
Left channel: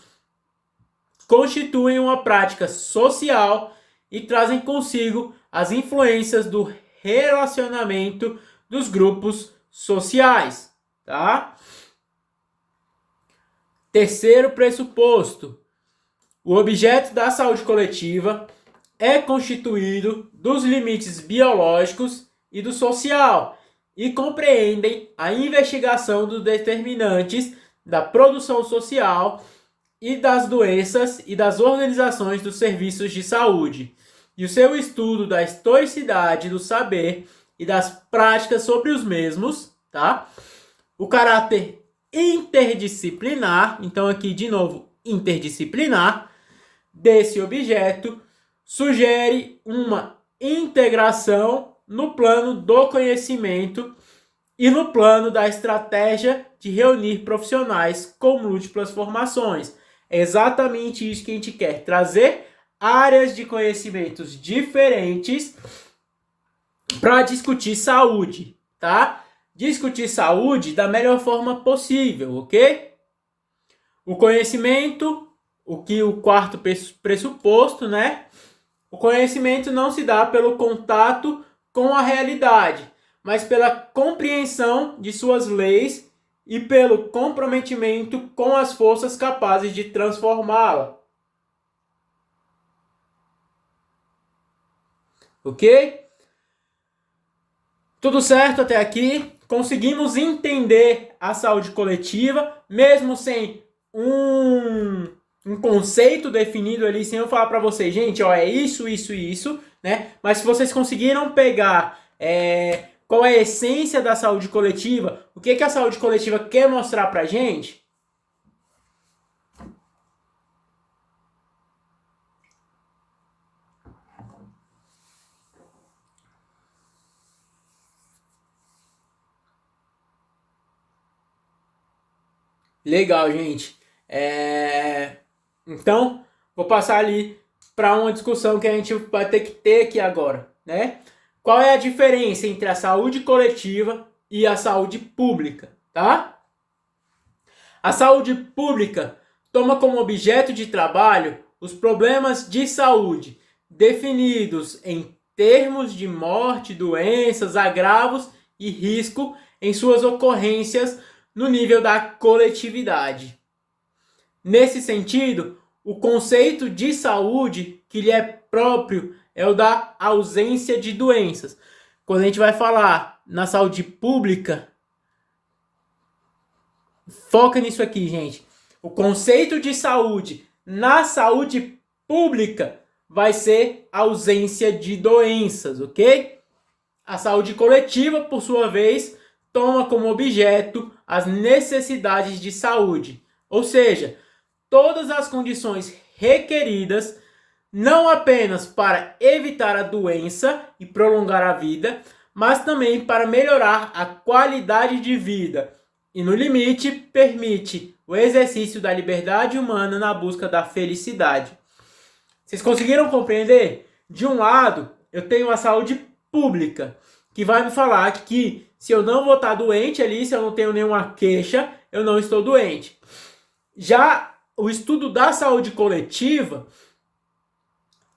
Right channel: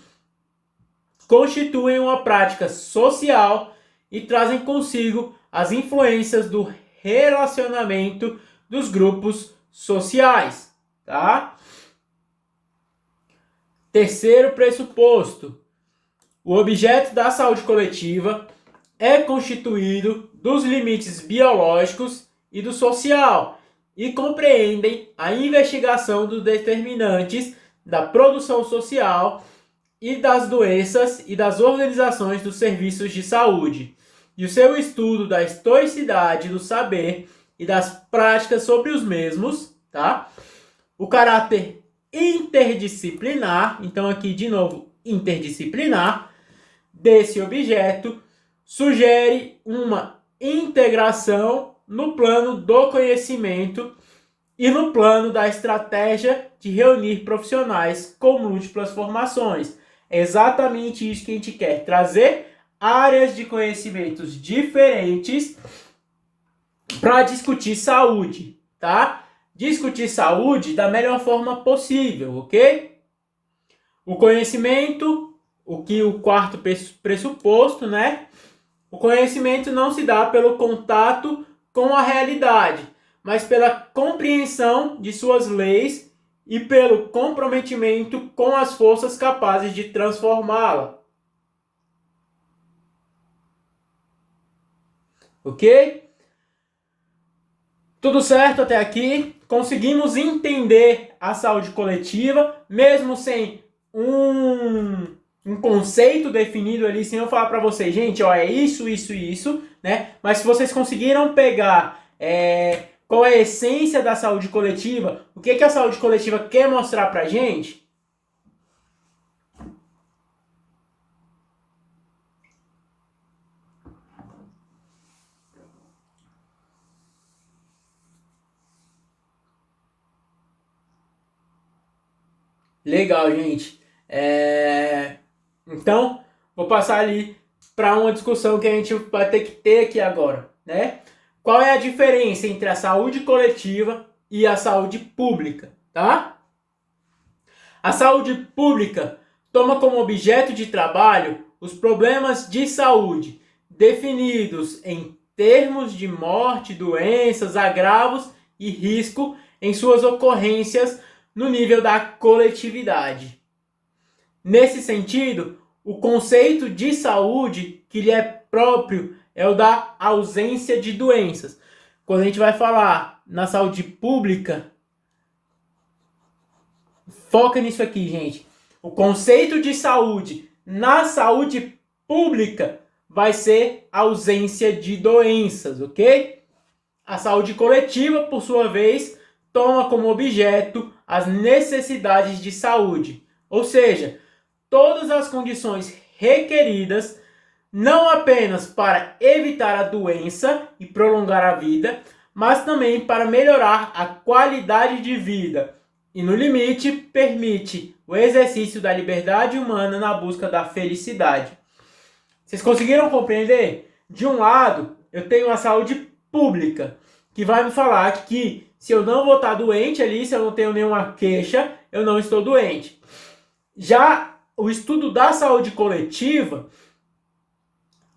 constituem uma prática social e trazem consigo as influências do relacionamento dos grupos sociais, tá? Terceiro pressuposto, o objeto da saúde coletiva é constituído dos limites biológicos e do social e compreendem a investigação dos determinantes da produção social e das doenças e das organizações dos serviços de saúde, e o seu estudo da historicidade do saber e das práticas sobre os mesmos, tá? O caráter interdisciplinar, então aqui de novo interdisciplinar, desse objeto sugere uma integração no plano do conhecimento e no plano da estratégia de reunir profissionais com múltiplas formações. É exatamente isso que a gente quer, trazer áreas de conhecimentos diferentes para discutir saúde, tá? Discutir saúde da melhor forma possível, ok? O conhecimento, o quarto pressuposto, né? O conhecimento não se dá pelo contato com a realidade, mas pela compreensão de suas leis e pelo comprometimento com as forças capazes de transformá-la. Ok? Tudo certo até aqui? Conseguimos entender a saúde coletiva, mesmo sem um um conceito definido ali, sem eu falar para vocês, gente, ó, é isso, isso e isso, né? Mas se vocês conseguiram pegar qual é a essência da saúde coletiva, o que a saúde coletiva quer mostrar pra gente? Legal, gente. Então, vou passar ali para uma discussão que a gente vai ter que ter aqui agora, né? Qual é a diferença entre a saúde coletiva e a saúde pública, tá? A saúde pública toma como objeto de trabalho os problemas de saúde definidos em termos de morte, doenças, agravos e risco em suas ocorrências no nível da coletividade. Nesse sentido, o conceito de saúde que lhe é próprio é o da ausência de doenças. Quando a gente vai falar na saúde pública, foca nisso aqui, gente. O conceito de saúde na saúde pública vai ser ausência de doenças, ok? A saúde coletiva, por sua vez, toma como objeto as necessidades de saúde, ou seja, todas as condições requeridas não apenas para evitar a doença e prolongar a vida, mas também para melhorar a qualidade de vida e, no limite, permite o exercício da liberdade humana na busca da felicidade. Vocês conseguiram compreender? De um lado, eu tenho a saúde pública, que vai me falar que se eu não vou estar doente ali, se eu não tenho nenhuma queixa, eu não estou doente. Já o estudo da saúde coletiva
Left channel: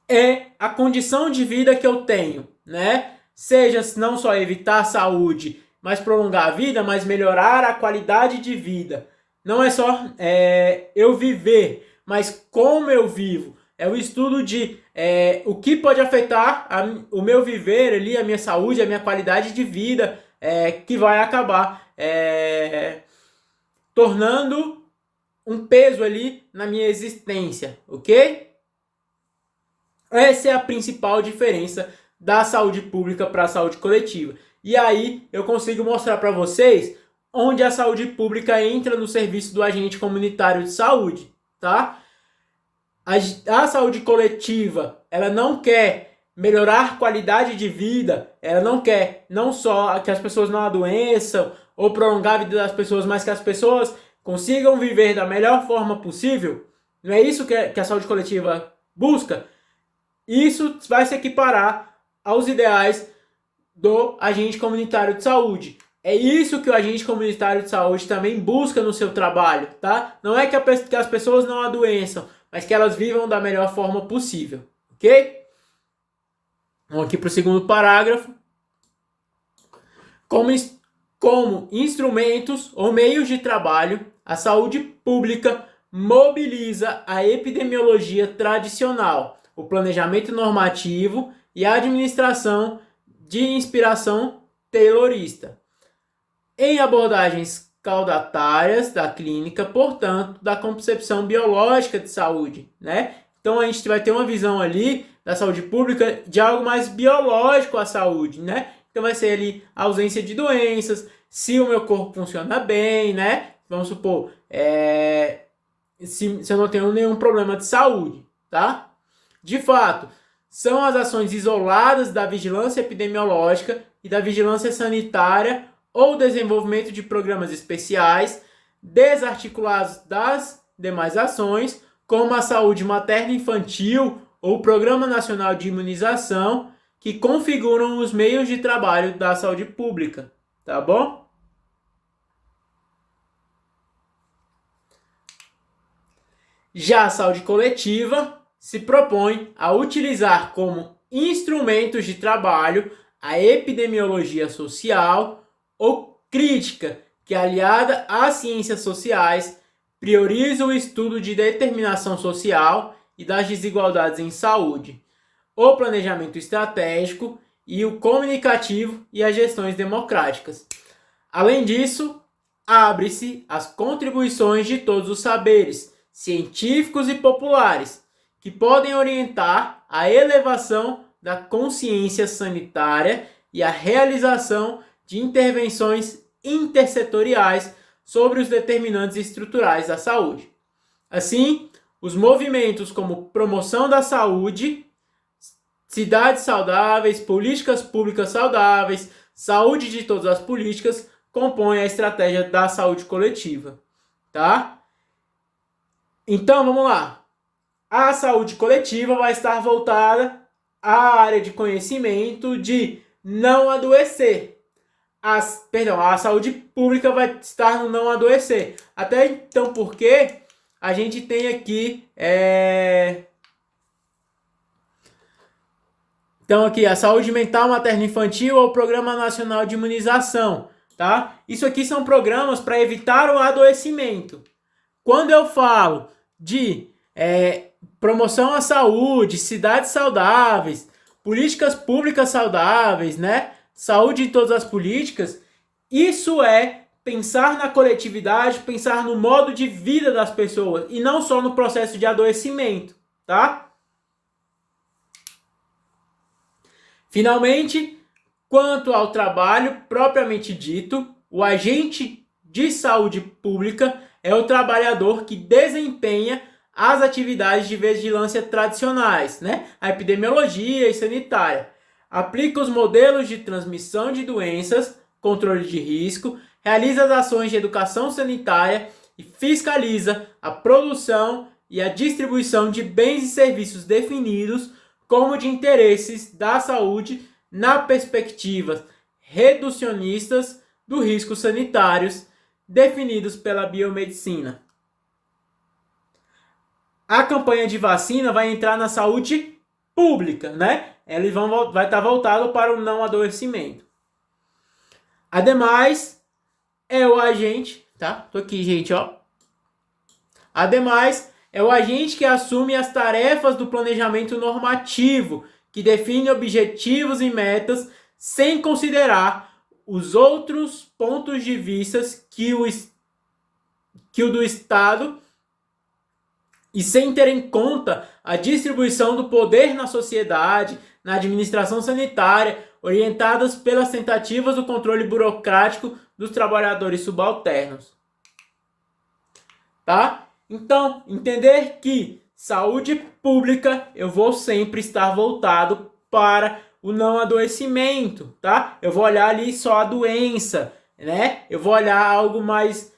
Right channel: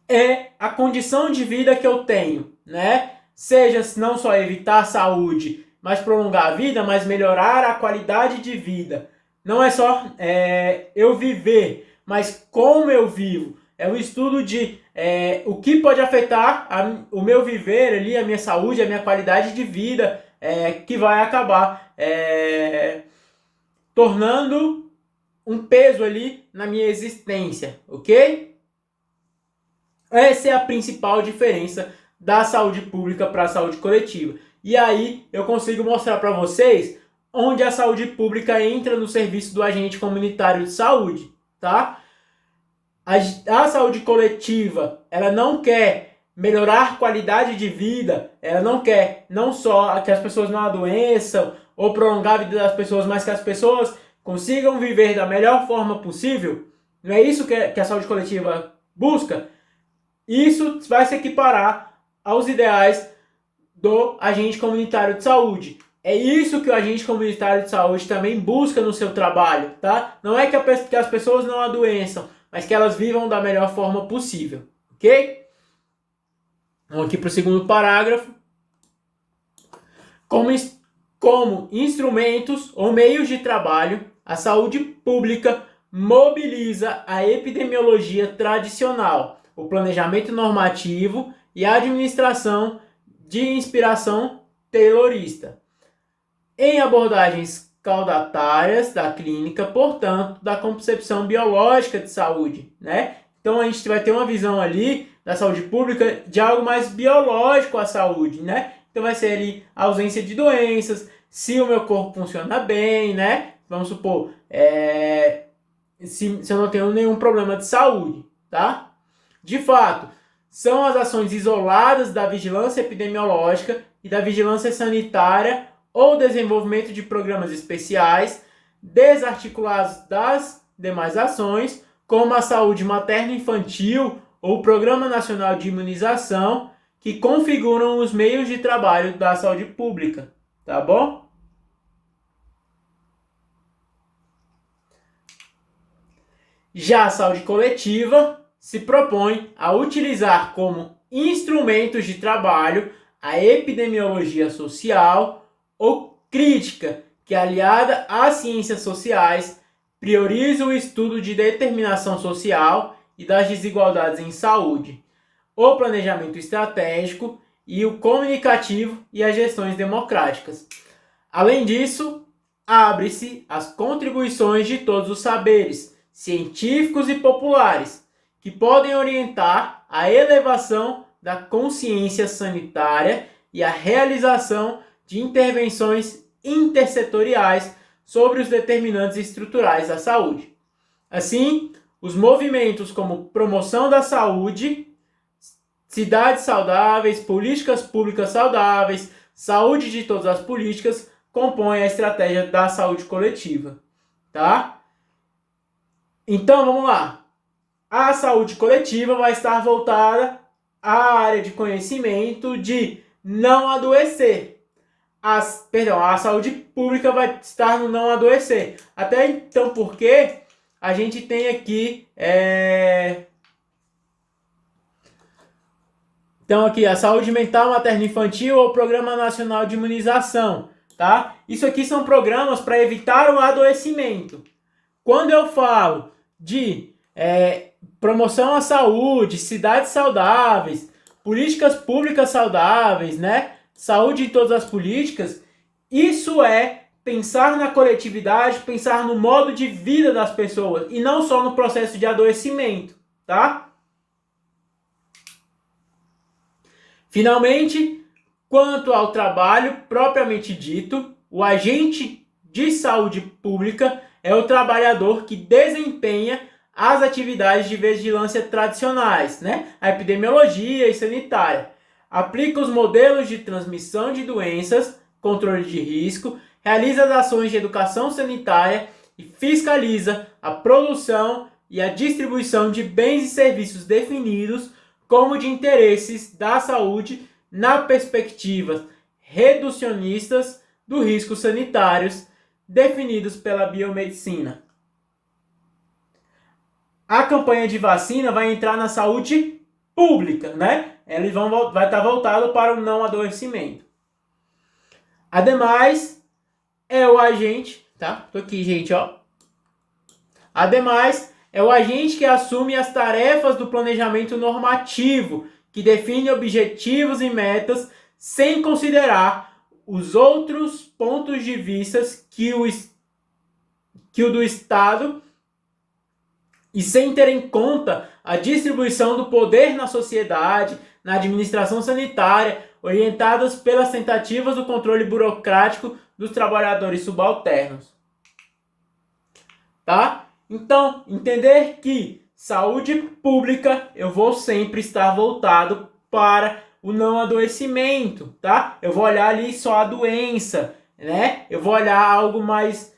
é a condição de vida que eu tenho, né? Seja não só evitar a saúde, mas prolongar a vida, mas melhorar a qualidade de vida. Não é só eu viver, mas como eu vivo. É o estudo de o que pode afetar o meu viver ali, a minha saúde, a minha qualidade de vida, que vai acabar tornando um peso ali na minha existência, ok? Essa é a principal diferença da saúde pública para a saúde coletiva. E aí eu consigo mostrar para vocês onde a saúde pública entra no serviço do agente comunitário de saúde, tá? A saúde coletiva, ela não quer melhorar qualidade de vida, ela não quer não só que as pessoas não adoeçam ou prolongar a vida das pessoas, mas que as pessoas consigam viver da melhor forma possível. Não é isso que a saúde coletiva busca? Isso vai se equiparar aos ideais do agente comunitário de saúde. É isso que o agente comunitário de saúde também busca no seu trabalho, tá? Não é que as pessoas não adoeçam, mas que elas vivam da melhor forma possível, ok? Vamos aqui para o segundo parágrafo. Como instrumentos ou meios de trabalho, a saúde pública mobiliza a epidemiologia tradicional, o planejamento normativo e a administração de inspiração taylorista, em abordagens caudatárias da clínica, portanto, da concepção biológica de saúde, né? Então a gente vai ter uma visão ali da saúde pública de algo mais biológico à saúde, né? Então vai ser ali a ausência de doenças, se o meu corpo funciona bem, né? Vamos supor, se eu não tenho nenhum problema de saúde, tá? De fato, são as ações isoladas da vigilância epidemiológica e da vigilância sanitária ou desenvolvimento de programas especiais, desarticulados das demais ações, como a saúde materno-infantil ou o Programa Nacional de Imunização, que configuram os meios de trabalho da saúde pública, tá bom? Já a saúde coletiva se propõe a utilizar como instrumentos de trabalho a epidemiologia social ou crítica, que aliada às ciências sociais, prioriza o estudo de determinação social e das desigualdades em saúde, o planejamento estratégico e o comunicativo e as gestões democráticas. Além disso, abre-se as contribuições de todos os saberes, científicos e populares, que podem orientar a elevação da consciência sanitária e a realização de intervenções intersetoriais sobre os determinantes estruturais da saúde. Assim, os movimentos como promoção da saúde, cidades saudáveis, políticas públicas saudáveis, saúde de todas as políticas, compõem a estratégia da saúde coletiva, tá? Então, vamos lá. A saúde coletiva vai estar voltada à área de conhecimento de não adoecer. A saúde pública vai estar no não adoecer. Até então, porque a gente tem aqui Então aqui, a saúde mental materno-infantil ou o Programa Nacional de Imunização, tá? Isso aqui são programas para evitar o adoecimento. Quando eu falo de promoção à saúde, cidades saudáveis, políticas públicas saudáveis, né? Saúde em todas as políticas, isso é pensar na coletividade, pensar no modo de vida das pessoas e não só no processo de adoecimento, tá? Finalmente, quanto ao trabalho propriamente dito, o agente de saúde pública é o trabalhador que desempenha as atividades de vigilância tradicionais, né? A epidemiologia e sanitária. Aplica os modelos de transmissão de doenças, controle de risco, realiza as ações de educação sanitária e fiscaliza a produção e a distribuição de bens e serviços definidos como de interesses da saúde na perspectiva reducionistas dos riscos sanitários definidos pela biomedicina. A campanha de vacina vai entrar na saúde pública, né? Vai estar voltado para o não adoecimento. Ademais, é o agente, tá? Tô aqui, gente, ó. Ademais, é o agente que assume as tarefas do planejamento normativo, que define objetivos e metas sem considerar os outros pontos de vista que o do Estado e sem ter em conta a distribuição do poder na sociedade, na administração sanitária, orientadas pelas tentativas do controle burocrático dos trabalhadores subalternos. Tá? Então, entender que saúde pública eu vou sempre estar voltado para o não adoecimento, tá? Eu vou olhar ali só a doença, né? Eu vou olhar algo mais,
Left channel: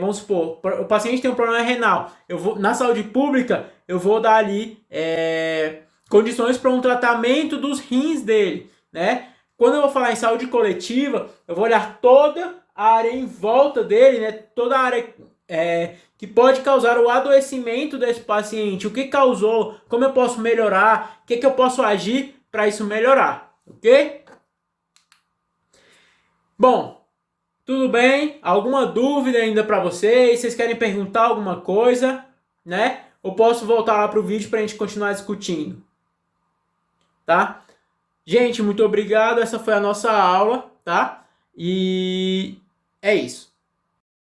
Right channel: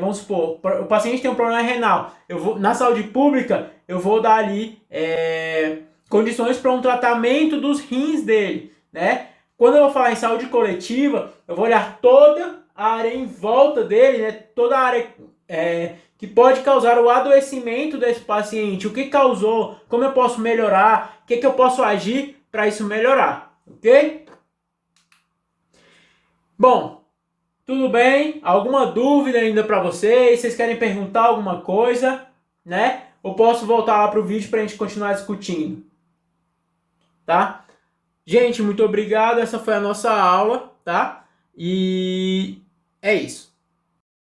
vamos supor, o paciente tem um problema renal. Na saúde pública, eu vou dar ali condições para um tratamento dos rins dele, né? Quando eu vou falar em saúde coletiva, eu vou olhar toda a área em volta dele, né? Toda a área que pode causar o adoecimento desse paciente, o que causou, como eu posso melhorar, o que eu posso agir para isso melhorar, ok? Bom, tudo bem? Alguma dúvida ainda para vocês? Vocês querem perguntar alguma coisa, né? Ou posso voltar lá para o vídeo para a gente continuar discutindo, tá? Gente, muito obrigado, essa foi a nossa aula, tá? E é isso.